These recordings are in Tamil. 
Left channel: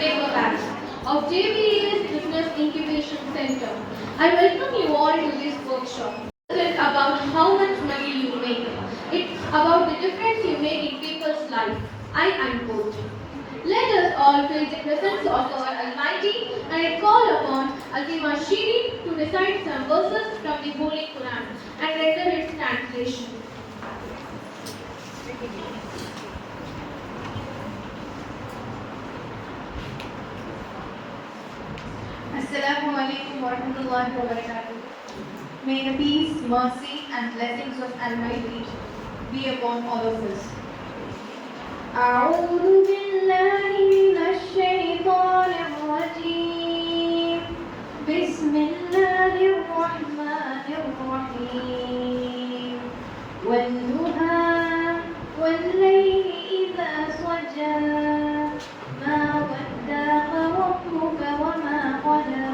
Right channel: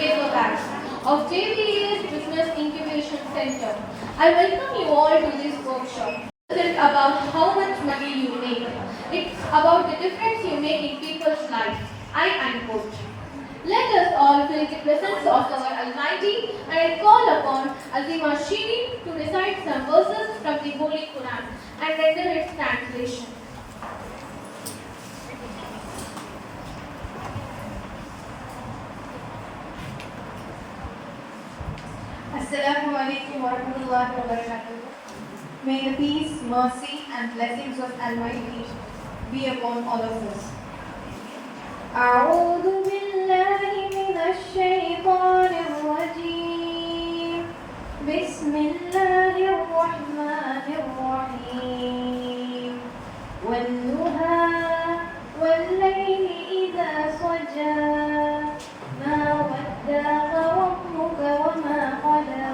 paper bags of JBA's Business Incubation Center. I welcome you all to this workshop. It isn't about how much money you make. It's about the difference you make in people's lives. I unquote. Let us all feel the presence of our Almighty and call upon Azima Shirin to recite some verses from the Holy Quran and render its translation. Assalamu alaikum wa rahmatullahi wa barakatuh. May the peace, mercy and blessings of Almighty be upon all of us. أعوذ بالله من الشيطان الرجيم. بسم الله الرحمن الرحيم. والضحى والليل إذا سجى ما ودعك ربك وما قلى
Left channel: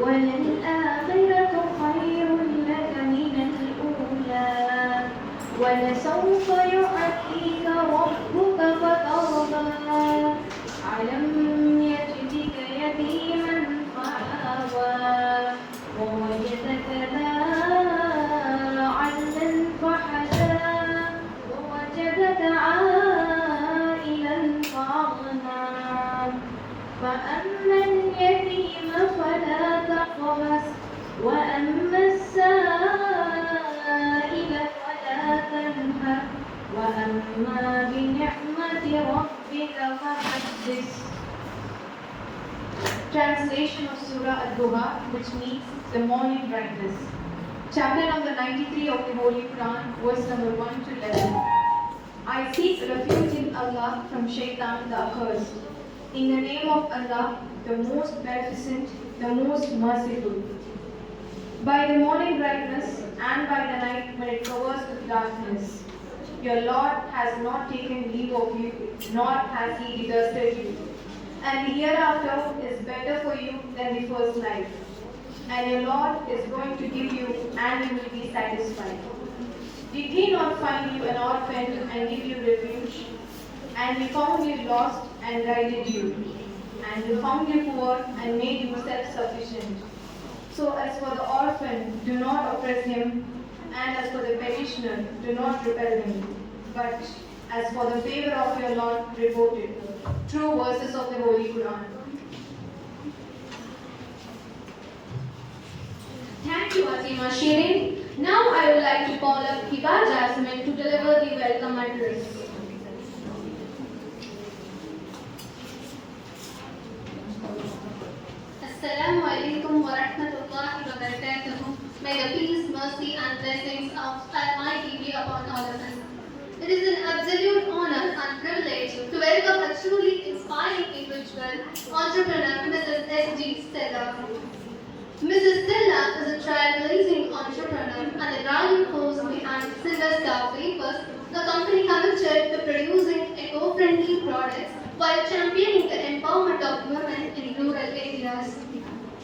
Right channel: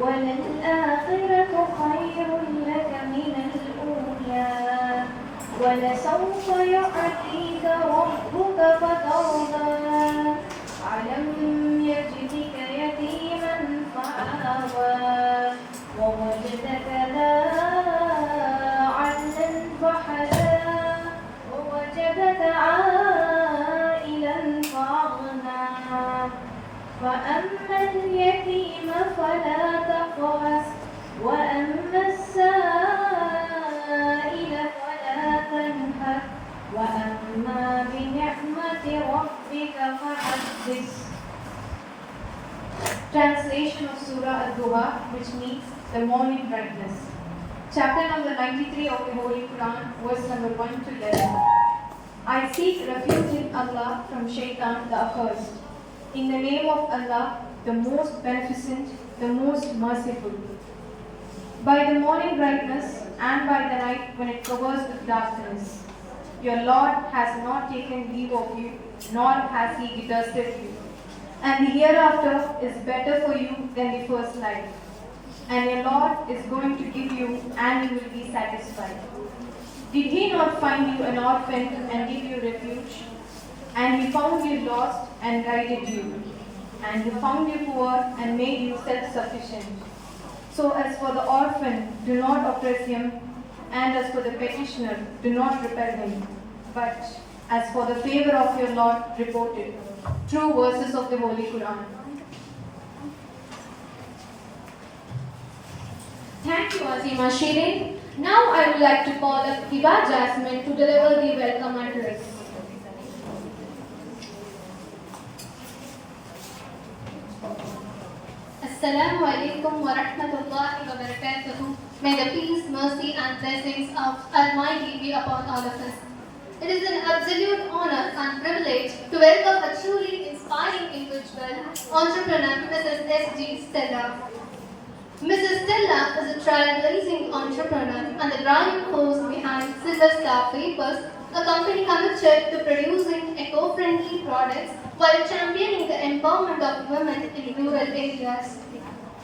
وللآخرة خير لك من الأولى ولسوف يعطيك ربك فترضى ألم يجدك يتيما فآوى ووجدك ضالا فهدى ووجدك عائلا فأغنى فأما اليتيم فلا تقهر وأما السائل فلا تنهر وأما بنعمة ربك فحدث. Translation of Surah Al-Duha, which means the morning brightness. Chapter number 93 of the Holy Quran, verse number 1 to 11. I seek refuge in Allah from Shaitan the accursed. In the name of Allah, the most beneficent, the most merciful. By the morning brightness and by the night when it covers with darkness. Your Lord has not taken leave of you, nor has He detested you. And the hereafter is better for you than the first life. And your Lord is going to give you, and you will be satisfied. Did He not find you an orphan and give you refuge? And He found you lost and guided you. And He found you poor and made you self-sufficient. So as for the orphan, do not oppress him, and as for the petitioner, do not repel him. But as for the favor of your Lord, report it. True verses of the Holy Quran. Thank you, Azima Shirin. Now I would like to call up Hiba Jasmine to deliver the welcome address. Assalamu alaikum wa rahmatullahi wa barakatuh. May the peace, mercy and blessings of Almighty be upon all of us. It is an absolute honor and privilege to welcome a truly inspiring individual, entrepreneur, Mrs. S.G. Stella. Mrs. Stella is a trailblazing entrepreneur and the driving force behind Silver Star Papers, a company committed to producing eco-friendly products while championing the empowerment of women in rural areas.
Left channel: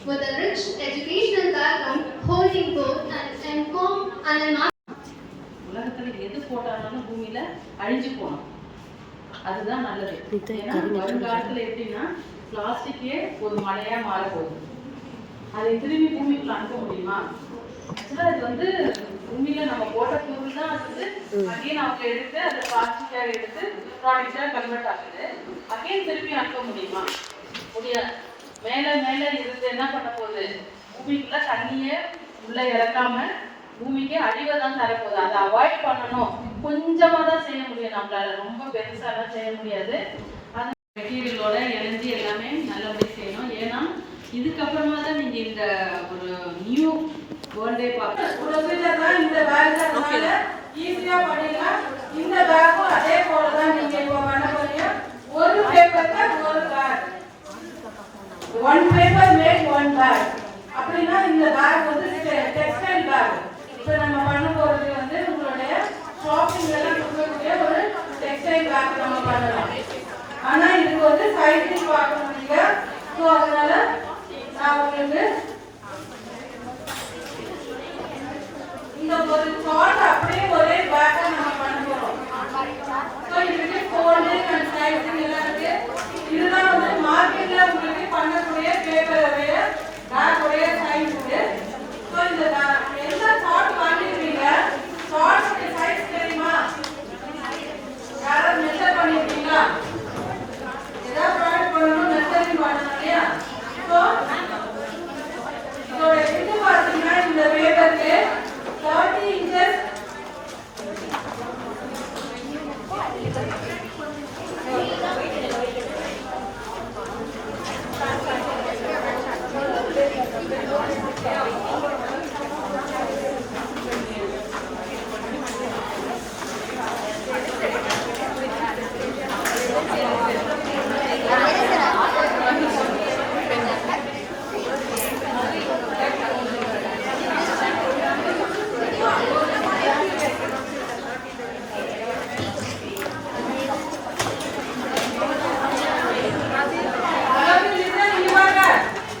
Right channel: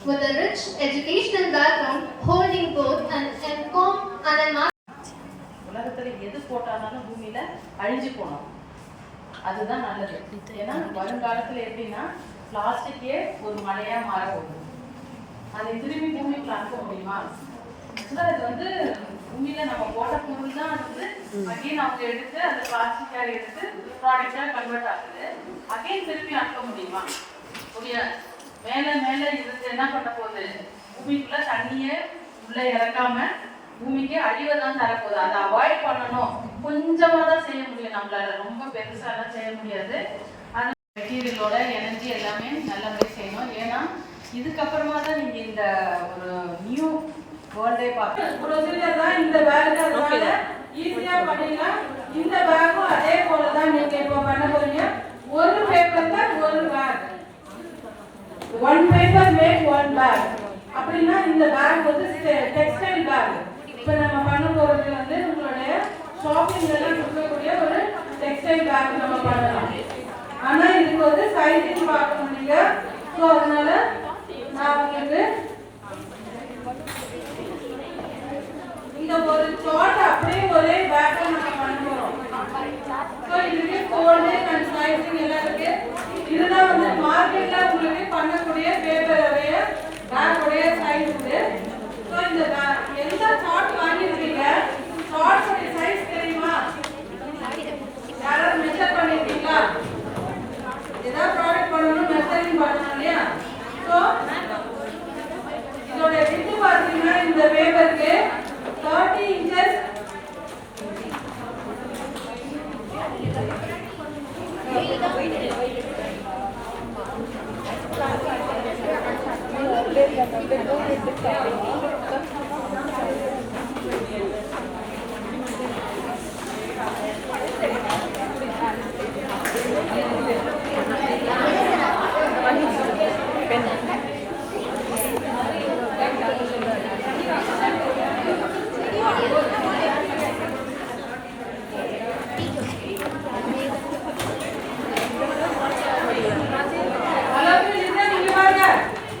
With a rich educational background, holding both an M.Com and a உலகத்துல எது போட்டாலும் பூமியில அழிஞ்சு போனோம். அதுதான் நல்லது. ஏன்னா வருங்காலத்துல எப்படின்னா பிளாஸ்டிக்கே ஒரு மழையா மாற போகுது. அதை திரும்பி பூமிக்குள்ள அனுப்ப முடியுமா? இது பூமியில நம்ம போட்ட பொருள் தான் அகைன் அவங்க எடுத்து அதை பிளாஸ்டிக்காக எடுத்து ப்ராடக்டா கன்வெர்ட் ஆகுது. அகைன் திருப்பி அனுப்ப முடியுமா? முடியாது. மேல மேல இருந்து என்ன பண்ண போகுது? பூமிக்குள்ள தண்ணியை உள்ள இறக்காம பூமிக்கு அழிவை தான் தரப்போகுது. அதை அவாய்ட் பண்ணணும். கொஞ்சமா தான் செய்ய முடியும். நம்மளால ரொம்ப பெருசாலாம் செய்ய முடியாது. அது மெட்டீரியலோட எனர்ஜி எல்லாமே நல்லபடியாக செய்யணும். ஏன்னா இதுக்கப்புறமா தான் நீங்க இந்த ஒரு நியூ வேர்ல்டே பார்க்கலாம். இந்த வேலை ஈஸியா பண்ணிடலாம். இந்த வேலையும் அதே போல தான் நீங்க இப்போ பண்ண போறீங்க. ஒரு பேப்பர் தான் ஒரு bag. One paper make one bag. அப்படின்னா இந்த பேக் டெக்ஸ்டைல் பேக். இப்போ நம்ம பண்ண போறது உங்களுடைய ஷாப்பிங் எல்லாம் கொடுக்கக்கூடிய ஒரு டெக்ஸ்டைல் பேக் நம்ம பண்ணலாம். ஆனா இதுக்கு சைஸ் பார்க்க முடியல. ஸோ அதனால நான் உங்களுக்கு இந்த ஒரு சார்ட் அப்படியே ஒரே பேக்கா நம்ம பண்ண போறோம். ஸோ இதுக்கு ஃபோல்டு அண்ட் சைஸிங் எல்லாம் இருக்கு. இதுதான்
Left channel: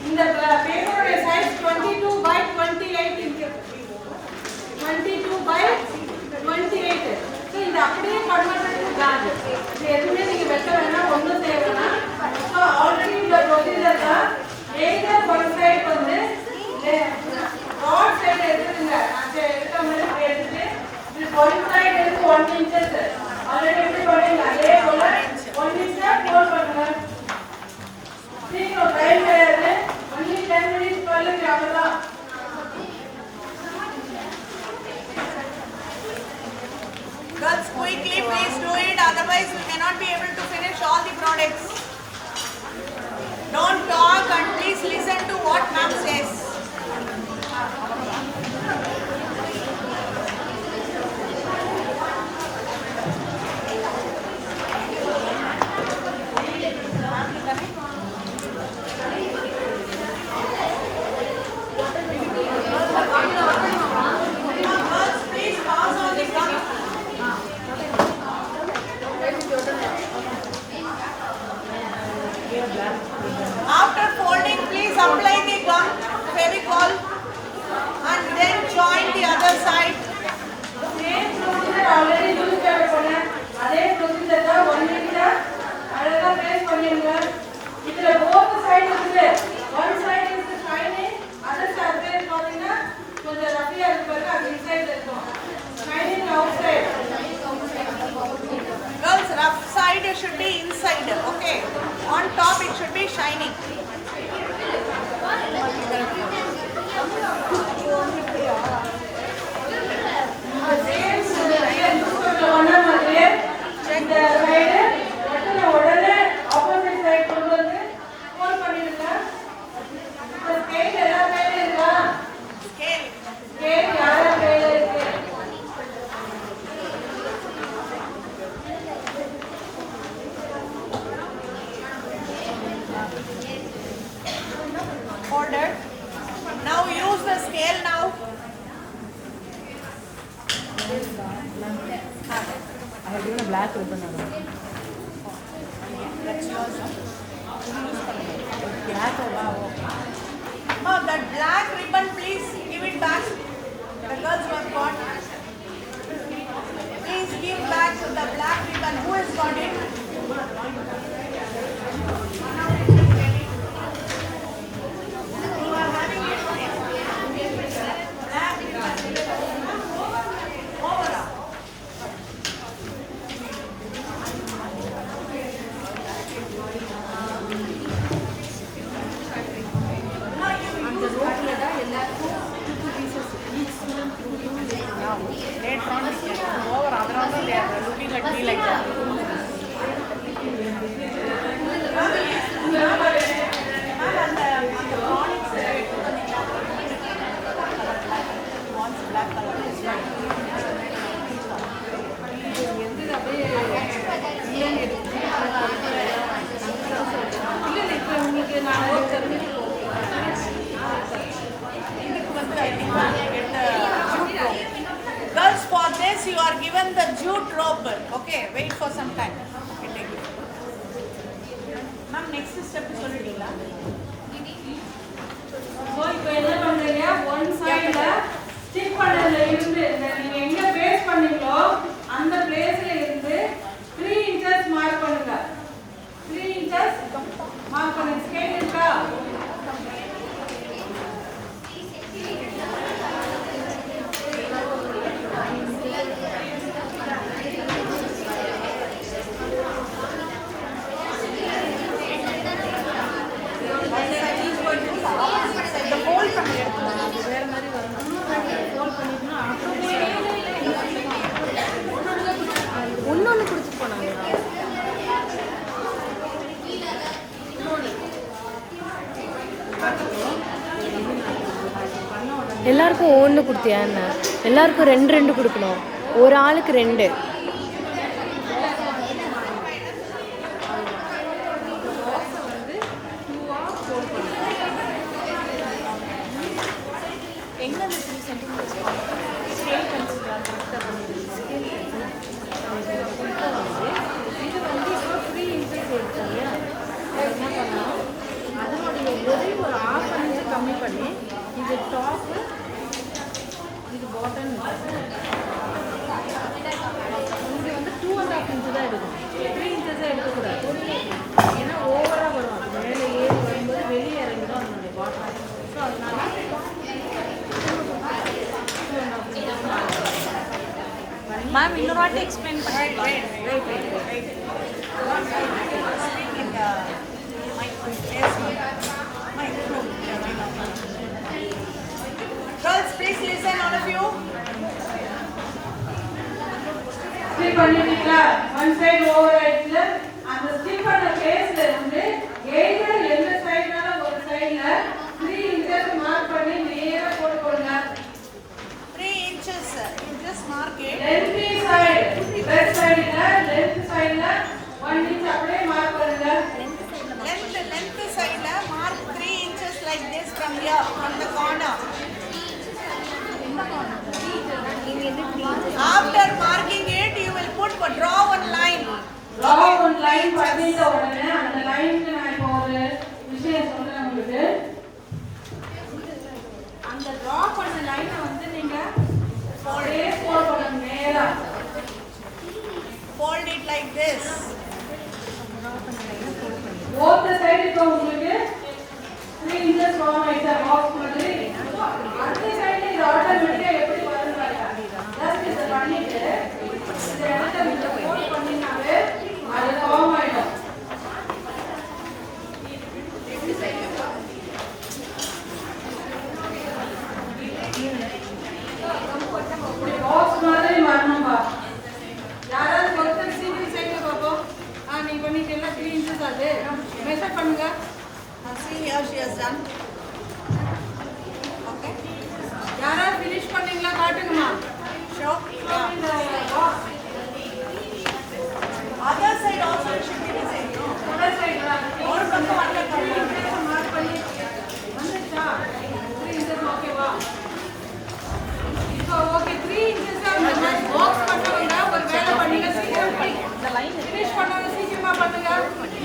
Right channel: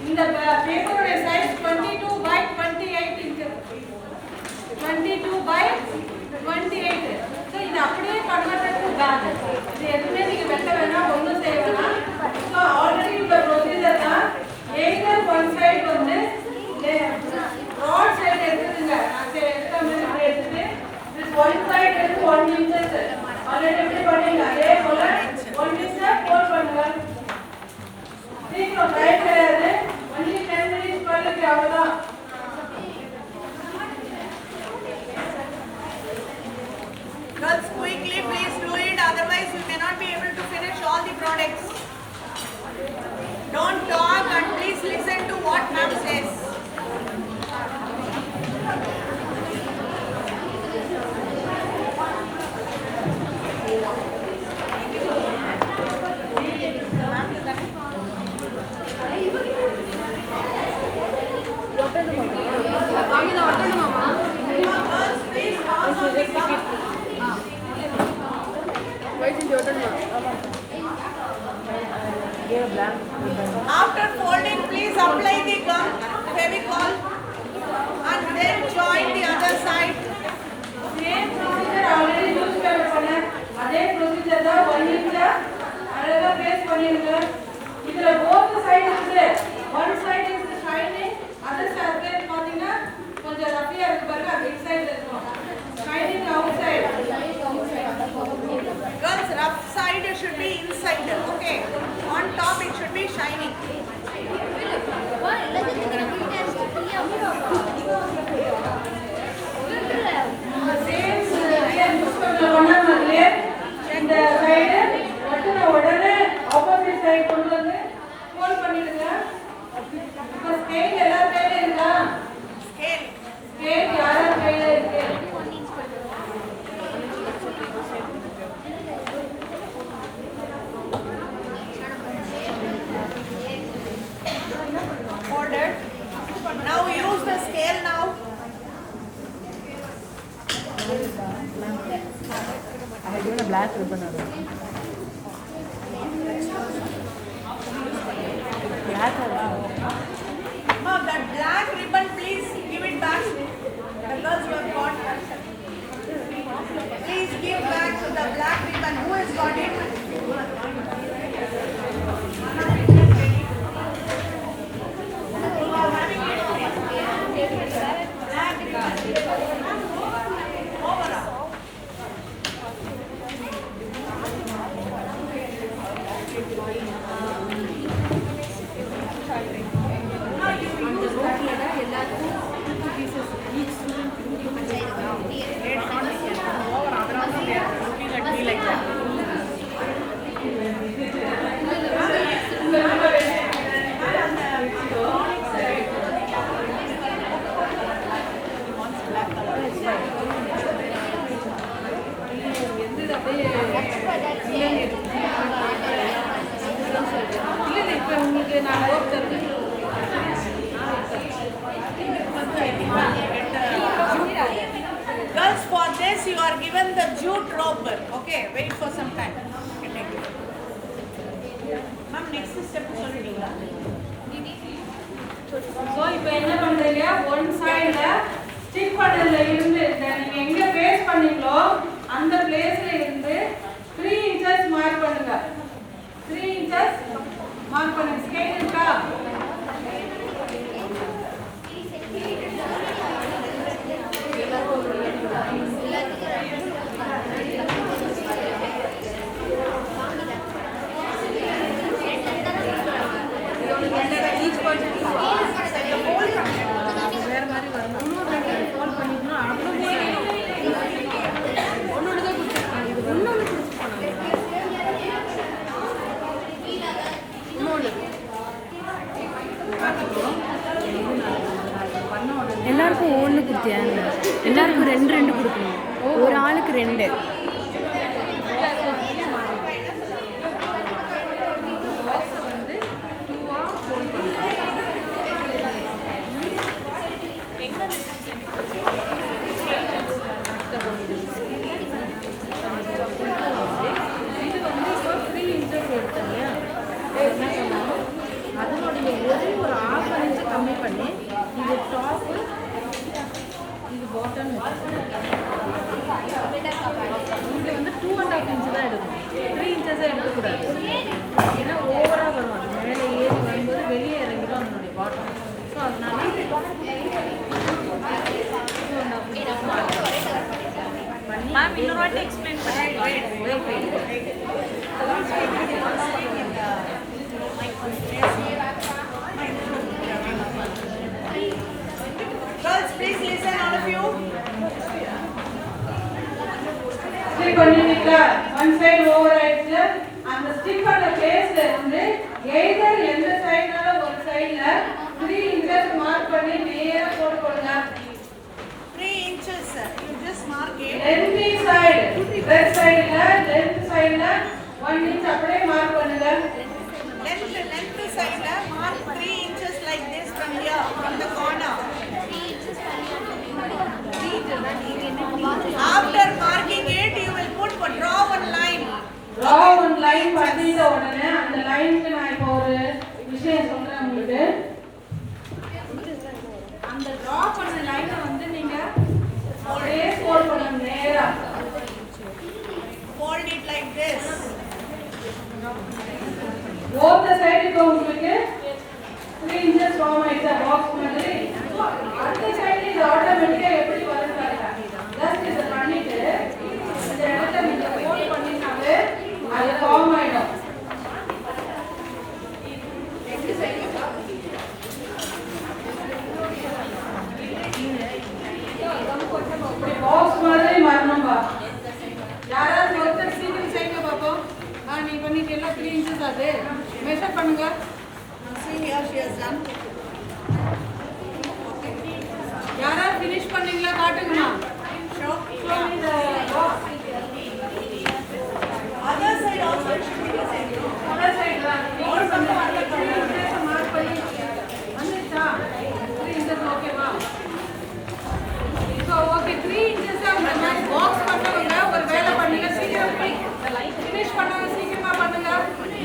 இந்த பேப்பருடைய சைஸ் 22 by 28 இருக்கு. 22 by 28. ஸோ இது அப்படியே கன்வெர்டட் டு பேக். இது எதுவுமே நீங்க வெட்ட வேணாம், ஒன்றும் செய்ய வேணாம். ஸோ ஆல்ரெடி இந்த ப்ரொசீஜர் தான். எய்தர் ஒன் சைடு வந்து ராட் சைடு எடுத்துங்க. நான் எடுத்த மாதிரி இப்படி எடுத்துட்டு ஒன் சைடு எடுத்து 1 inches ஆல்ரெடி எப்படி பண்ணீங்க அதே போல 1 inch ஃபோல்ட் பண்ணுங்க. சீக்கிரம் டைம் கிடையாது. only 10 minutes பண்ணல அவ்வளவுதான். Girls, quickly please do it, otherwise we cannot be able to finish all the products. Don't talk and please listen to what ma'am says. Please pass on the cup. After folding, please apply the gum, Fevicol, and then join the other side. Same procedure already use பண்ணேன். அதே procedure தான் 1 minute அழகா பேஸ்ட் பண்ணிடுங்க. இதுல both side இருக்குது. One side is shining, other side is பாத்தீங்கன்னா கொஞ்சம் ரஃபியா இருக்கு பாருங்க, அது inside இருக்கும். Shining outside. Girls, rough side should be inside, okay? On top it should be shining. Same use பண்ண மாதிரியே இந்த சைடு கட்டின உடனே ஆப்போசிட் சைடு கொண்டு வந்து ஃபோல்ட் பண்ணிடுங்க. இந்த ஸ்கேல் எல்லா கையில இருக்கா? ஸ்கேல் யார கையில இருக்கு? Folded. Now use the scale now. I had given a black ribbon around. Black or No, that black ribbon, please give it back. The girls who have got. Please give back to the black ribbon. Who has got it? You are having it. Black ribbon. Over. அந்த ரோட்ல தான் எல்லாருக்கும் 2 pieces each student 2 pieces now they can't over அதனால தான் they are looking at me like that. Black color is fine. எந்த அப்படியே இல்ல இப்போ உங்களுக்கு நான் ஒர்க் தருவேன். Girls, for this you are given the jute rope. Okay, wait for some time. Ma'am, next step சொல்லிடுங்களா? ஸோ இப்போ என்ன பண்றீங்க, ஒன் சைடில் ஸ்டிக் பண்ணதுல இருந்து இந்த நீங்க எங்க பேஸ்ட் பண்ணீங்களோ அந்த பிளேஸ்ல இருந்து 3 inches மார்க் பண்ணுங்க. 3 inches மார்க் பண்ணுங்க. ஸ்கேல் இருக்கா? வேற மாதிரி வரணும். ஃபோல்ட் பண்ணிட்டோம்னா ஆட்டோமேட்டிக்காக எல்லாருக்கும் ரெண்டு ரெண்டு கொடுக்கணும், ஒரு ஆளுக்கு ரெண்டு. இந்த பாக்ஸை வந்து 2ஆ ஃபோல்ட் பண்ணுறோம். இப்போ வந்து இது வந்து இப்போ 3 இன்ச்சஸ் எடுத்தோம் இல்லையா, அது என்ன பண்ணணும், அதனுடைய ஒரு 1/2 இன்ச்சு கம்மி பண்ணி இது டாப்பு இது பாட்டம் வச்சுக்கணும். இங்கே வந்து 2.5 இன்ச்சு தான் எடுக்கணும், 3 இன்ச்சஸே எடுக்கக்கூடாது. ஏன்னா ஓவராக வரும், அது மேலே ஏறி வரும்போது வெளியே இறங்கிடும் அதனுடைய பாட்டம். ஸோ அதனால 2.5 இன்ச்சஸ் மார்க் பண்ணி Girls, please listen, all of you. Stick பண்ணிட்டீங்களா? ஒன் சைடு ஓவர் ஆயிடுச்சு. அந்த ஸ்டிக் பண்ண பேஸ்ல வந்து எய்தர் எந்த சைடுனால ஒரு சைடுல 3 இன்ச்சஸ் மார்க் பண்ணி நேரா போட்டு போடுங்க. 3 inches, you just mark it. Length side, left சைடுல லெஃப்ட் சைடுல 1 இன்ச் அப்படியே மார்க் பண்ணுங்க. Length side, mark 3 inches like this from here, from the corner. After marking it, you will draw one line. Draw one line பண்ணிட்ட உடனே அந்த லைனுக்கு நான் இப்போ ஒரு விஷயம் சொல்றேன் உங்களுக்கு. அந்த டிரா பண்ண லைனை வந்து நீங்க அப்படியே ஃபோல்ட் பண்ணுங்க நேரா. Fold it like this. both the side இப்போ உங்களுக்கு 3 inches form ஆயிடுச்சு பாக்ஸ் மாதிரி. அந்த சைடுல இது ஆட்டோமேட்டிக்கா எப்படி வருது பாருங்க. ஜஸ்ட் இத பண்ணிட்டு இந்த இடத்தை நீங்க ஃபோல்ட் பண்ணினாலே அது ஃபார்ம் ஆயிடும். இப்படி பாக்ஸ் மாதிரி வரணும்பா. யாராவது ஒருத்தர் சீக்கிரம் செய்யுங்க பாப்போம். நீ பண்ணிட்டீங்களா? 3 inches அது மெஷர் பண்ணுங்க. See here, she has done. Okay. யாராவது finish பண்ணீங்களா காட்டுங்கம்மா. Show. Show me the box. Other side also should be the same. No? other side தான். Also the other 3 side. inches mark பண்ணி வந்துச்சா? 3 inches ஓகேவா? இப்போ ஓகே 3 inches அந்த மாதிரி பாக்ஸ் பண்ணவங்க ஒரு வேலை பண்ணுங்க. சீக்கிரம் ஃபினிஷ் பண்ணவங்க சீக்கிரமா பண்ணுங்க.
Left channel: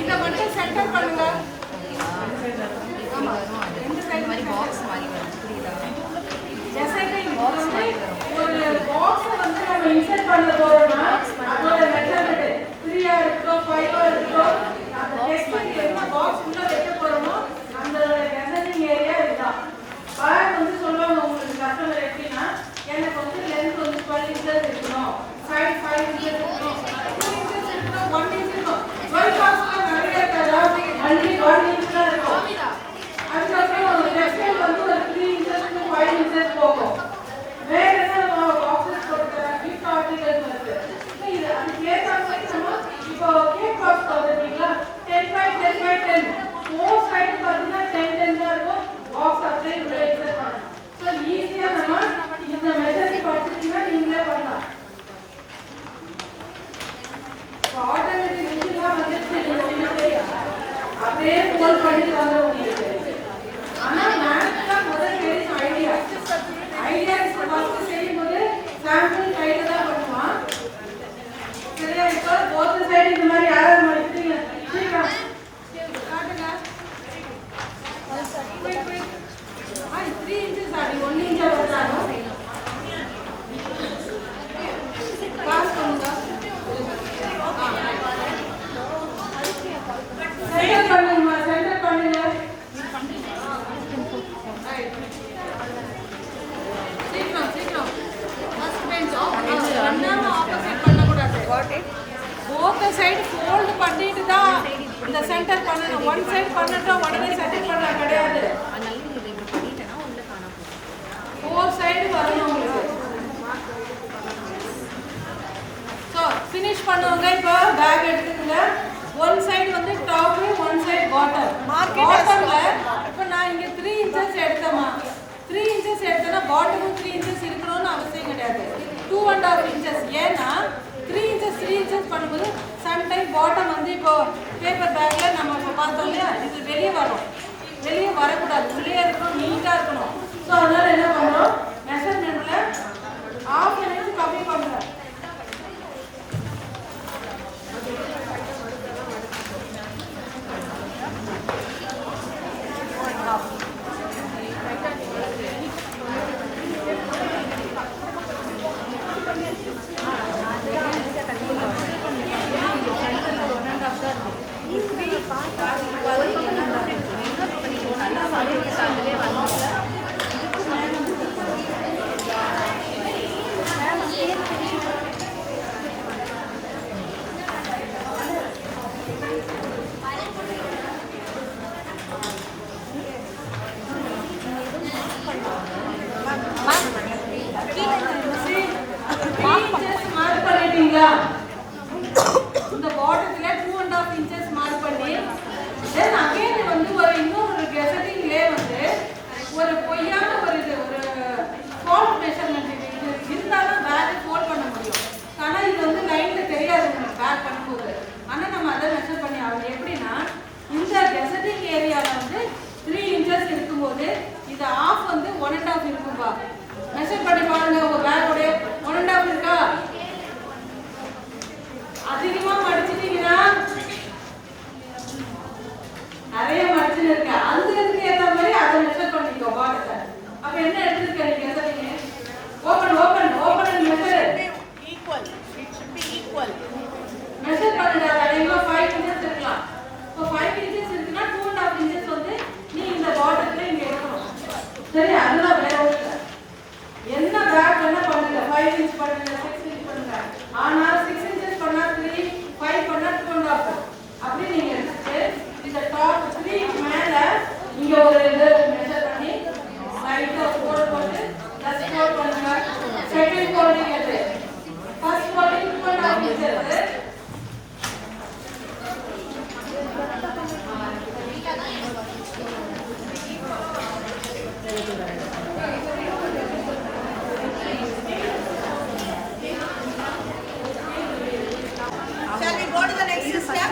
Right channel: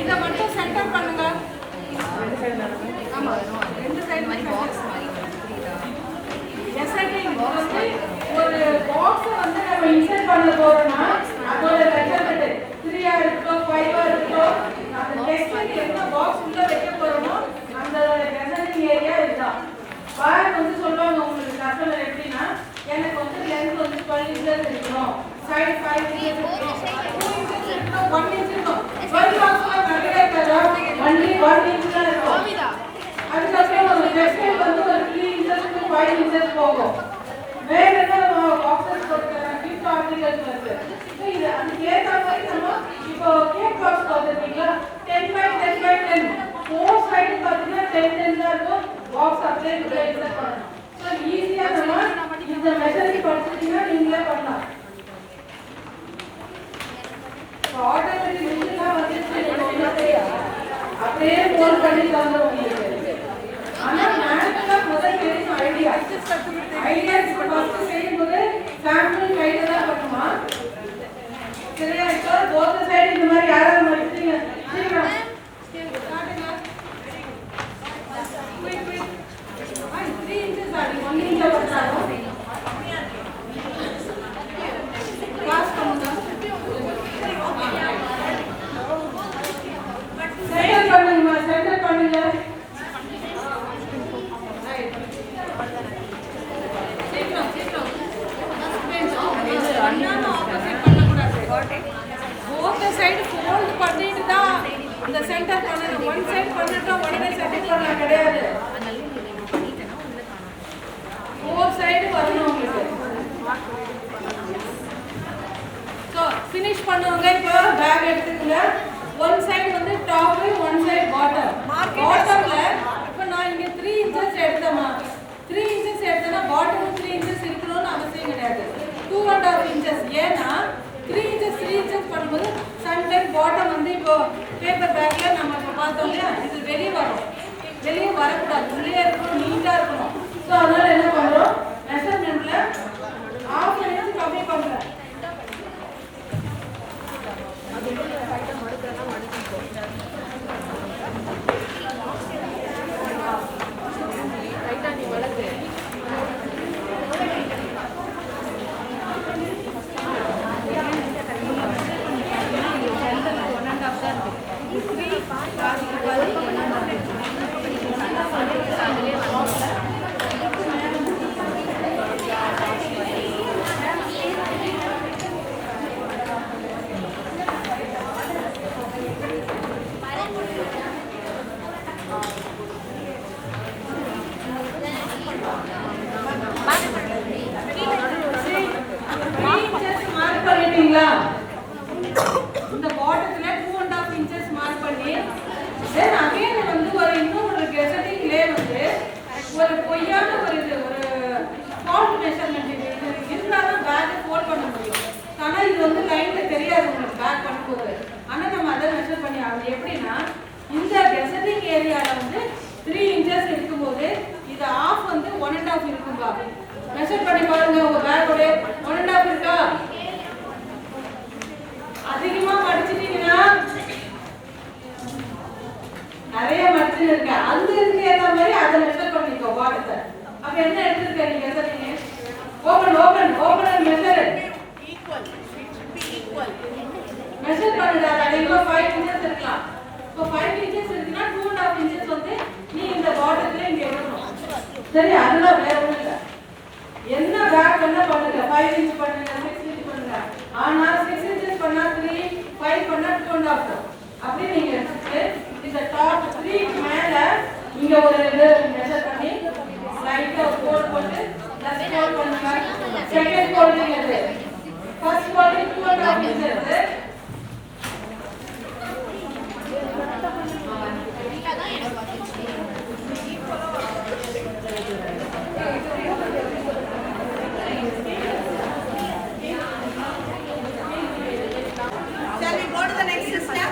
இத மட்டும் சென்டர் பண்ணுங்க. ஆமா ரெண்டு சைடுமே சென்டர். எசைட்டிங் வந்து ஒரு பாக்ஸ் வந்து நம்ம இன்சர்ட் பண்ண போறோம்னா அதோட மெஷர்மென்ட் 3 ஆ இருக்கோ 5 ஆ இருக்கோ அந்த டெக்ஸ்ட் என்ன பாக்ஸ் உள்ள வைக்க போறோமோ அந்த எசைட்டிங் ஏரியா இதுதான். பார் வந்து சொல்வாங்க உங்களுக்கு கஸ்டமர் எப்படின்னா எனக்கு வந்து லென்த் வந்து 12 inches இருக்கணும், சைடு 5 inches இருக்கணும், 2 inches இருக்கணும், 1 inch இருக்கணும். 12 பாக்ஸ்ல நிறைய இருக்காதா? only 1 inch தான் இருக்கும். அதுக்கப்புறம் ஒரு டெக்ஸ்டைல் வந்து ஒரு 3 inches to 5 inches போகும். வேற ஏதாவது பாக்ஸஸ் போட்டுக்கலாம், கிஃப்ட் ஆர்டிகல்ஸ் வருது. இது அதுக்கு ஏற்ற மாதிரி நம்ம இப்போ கேக் பாக்ஸ் பார்த்துருக்கீங்களா? 10 by 10 by 10 4 சைடு பார்த்தீங்கன்னா 10 10 தான் இருக்கும். பாக்ஸ் அப்படியே உள்ள இன்சர்ட் பண்ணணும். ஸோ ஈஸியாக நம்ம இந்த மெஷரிங் பார்த்துட்டீங்கன்னா நீங்களே பண்ணலாம். இப்போ ஆட்டோமேட்டிக் மிஷின்லாம் வந்துச்சு, நீங்கள் உங்களுக்கு அப்படியே ஃபோல்ட் பண்ணி தந்துடும் உங்களுக்கு. ஆனால் மேனுவலாக முதல் கிடைச்ச ஐடியா ஃபர்ஸ்ட் செய்யும்போது சாம்பிள் கையில் தான் பண்ணுவான். சரியா? இப்போ போத் சைடு இந்த மாதிரி யாராவது வச்சுட்டீங்க சீக்கிரம் காட்டுங்க. 3 inches ஆடி 1 inch வச்சாலும் பாஸ் பண்ணுங்க. சென்டர் பண்ணுங்க, சென்டர் பண்ணுங்க. சீக்கிரம் சீக்கிரம் ஃபர்ஸ்ட் பெஞ்ச் ஆஃப் பண்ணாம ஆப்போசிட் பண்ணக்கூடாது. போத் சைடு ஃபோல்ட் பண்ணிட்டு தான் இந்த சென்டர் பண்ணணும். ஒன் சைடு பண்ணிட்டா உடனே சென்டர் பண்ண கிடையாது. 4 சைடு வரணும் உங்களுக்கு. ஸோ ஃபினிஷ் பண்ணுவாங்க. இப்போ பேக் எடுத்துக்கல. ஒன் சைடு வந்து டாப், ஒன் சைடு பாட்டம். பாட்டம்ல இப்போ நான் இங்கே 3 inches எடுத்தேமா, 3 inches எடுத்தேன்னா பாட்டமும் 3 inches இருக்கணும்னு அவசியம் கிடையாது. 2.5 inches. ஏன்னா 3 inches பண்ணும்போது சம்டைம் பாட்டம் வந்து இப்போ பேப்பர் பேக்கில் நம்ம இப்போ பார்த்தோம் இல்லையா, இது வெளியே வரும். வெளியே வரக்கூடாது, உள்ளே இருக்கணும், நீட்டாக இருக்கணும். ஸோ அதனால என்ன பண்ணுறோம், மெஷர்மெண்ட்டில் 1/2 inch கம்மி பண்ணுறேன். மார்க் பண்ணிட்டீங்களா? இந்த பாட்டத்துல 2.5 inches மார்க் பண்ணி தென் அகைன் வந்து ஒரு இன்னொரு கெசட்டிங்லே வந்து ஒரு பொய்யான ஒரு ஃபால்ட் மெஷர்மெண்ட் இது இருந்தாலும் பேக்கை ஃபோல்ட் பண்ண முடியும். ஆனால் இது வந்து லைன்ல தெரியாது உங்களுக்கு பேக் பண்ணும்போது. ஆனால் நம்ம அதை மெஷர் பண்ணி ஆகணும். எப்படின்னா இந்த கெசட்டிங் ஏரியாவில் வந்து 3 inches இருக்கும்போது இது ஆஃப் வந்து 1.5 இருக்கும்பா. மெஷர் பண்ணி பாருங்க, உங்க பேக்கோட 1.5 இருக்கா? அதிகமா மடிச்சிட்டீங்கன்னா நிறைய மடிச்சுன்னு இருக்க, அந்த இதுக்கு ஏற்ற மாதிரி அதை மெஷர் பண்ணிக்கோ பாடத்தை. அப்ப என்ன எடுத்துருக்க நீங்க சொல்றீங்க? Open measure Equal. மெஷர் பண்ணுங்க. அதிகமா 5 inches இருக்கலாம். இப்போ 5 inches இருக்குன்னா 2.5 inches வந்து நீ இந்த பாட்டத்துல இங்க எடுக்கணும். சரி, அதெல்லாம் வேற ஒண்ணும் இல்லை. என்ன பேக் என்ன பண்ணுங்க, 5 inch பண்ணுங்க, 6 inch பண்ணுங்க. ஆனா 6 inches பண்ணா 3, 5 பண்ணா 2.5. அப்படியே நீங்க எடுத்துட்டு இந்த டாப் 3 மேல இங்க ஒரு இது மெஷர் பண்ணி லைட்டா ஃபோல்ட் போட்டு ப்ளஸ் ஃபோல்ட் பண்ணுங்க. செகண்ட் ஃபோல்டிங் இது, first folding 2.5 inches. Shall we go to the next step?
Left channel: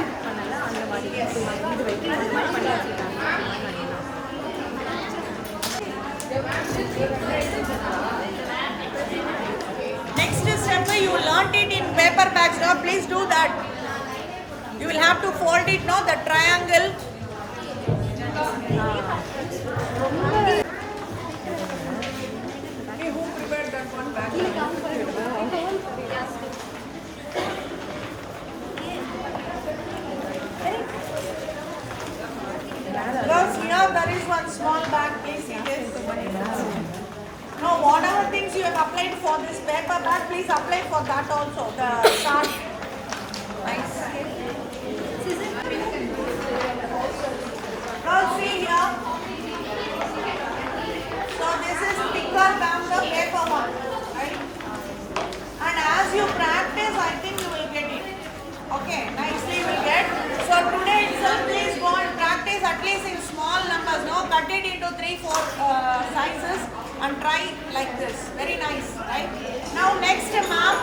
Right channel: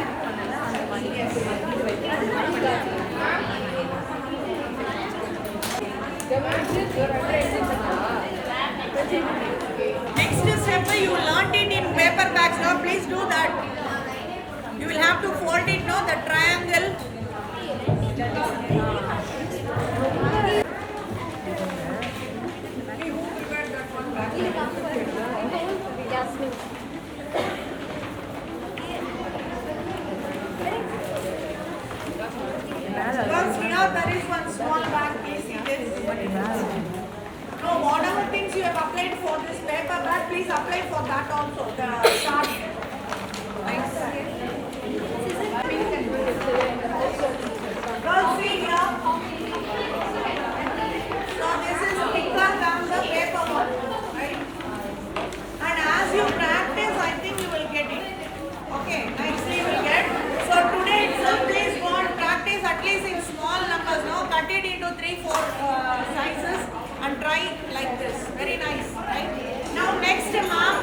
Next step, you learned it in paper bags. Now please do that. You will have to fold it now, the triangle. Girls, here there is one small bag. Please see this. Now, whatever things you have applied for this paper bag, please apply for that also. The chart. Girls, see here. So this is thicker than the paper one, right? And as you practice, I think you will get it. Okay, nicely you will get. So today itself, please go and practice at least in small numbers. No, cut it into 3-4 sizes and try like this. Very nice, right? Now next, ma'am,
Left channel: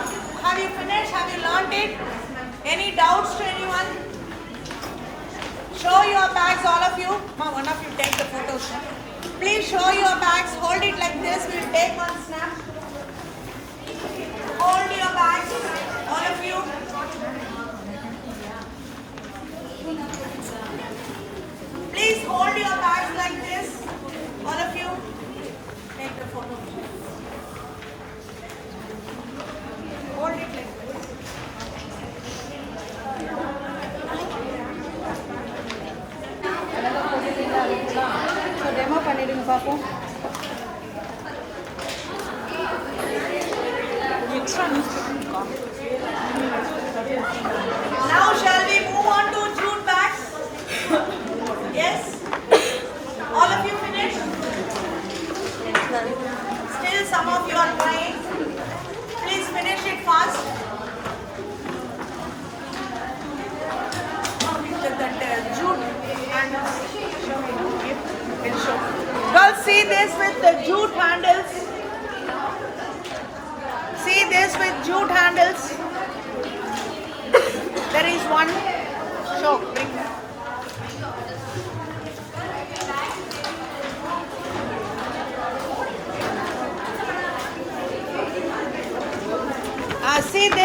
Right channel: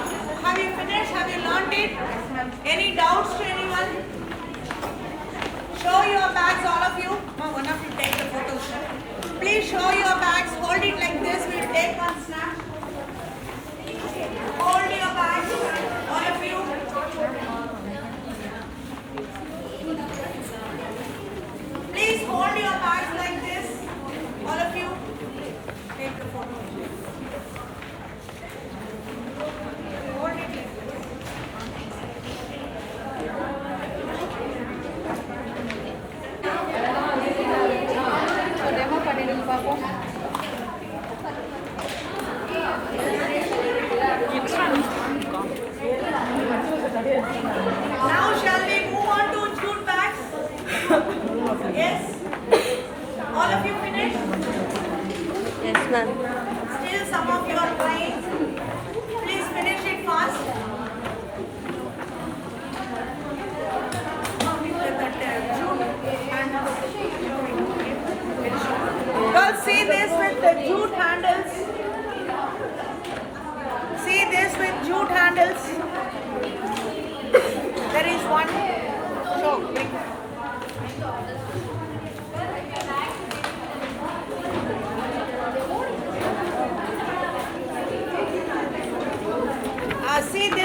have you finished? Have you learned it? Any doubts to anyone? Show your bags, all of you. Ma'am, one of you take the photo shoot. Please show your bags. Hold it like this. We'll take one snap. Hold your bags, all of you. Please hold your bags like this, all of you. Take the photo. Hold it like this.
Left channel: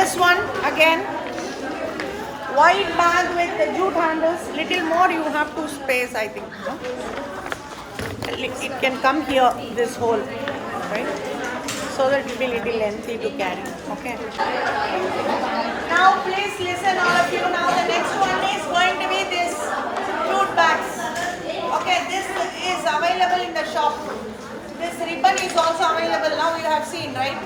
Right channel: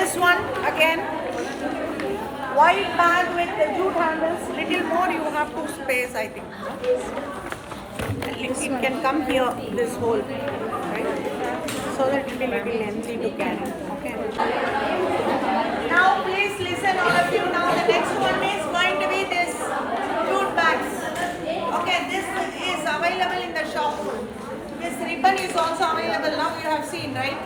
This one again, white bag with the jute handles. Little more you have to space, I think. It can come here, this hole, right? So that it will be little lengthy to carry. Okay. Now please listen, all of you. Now the next one is going to be this jute bags. Okay, this is available in the shop. This ribbon is also available. Now you have seen, right?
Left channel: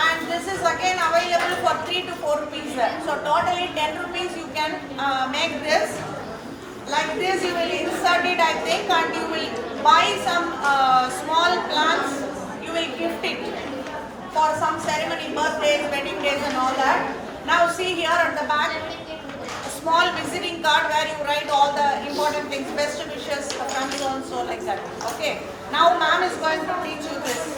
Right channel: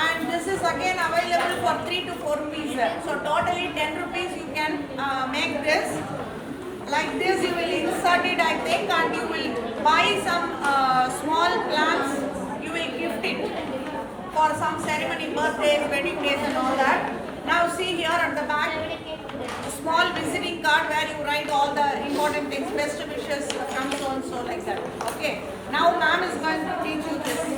And this is again available for 3 to 4 rupees there. So totally 10 rupees you can make this. Like this you will insert it, I think, and you will buy some small plants. You will gift it for some ceremony, birthdays, wedding days and all that. Now see here at the back, a small visiting card where you write all the important things, best wishes, from so and so, like that. Okay. Now ma'am is going to teach you this.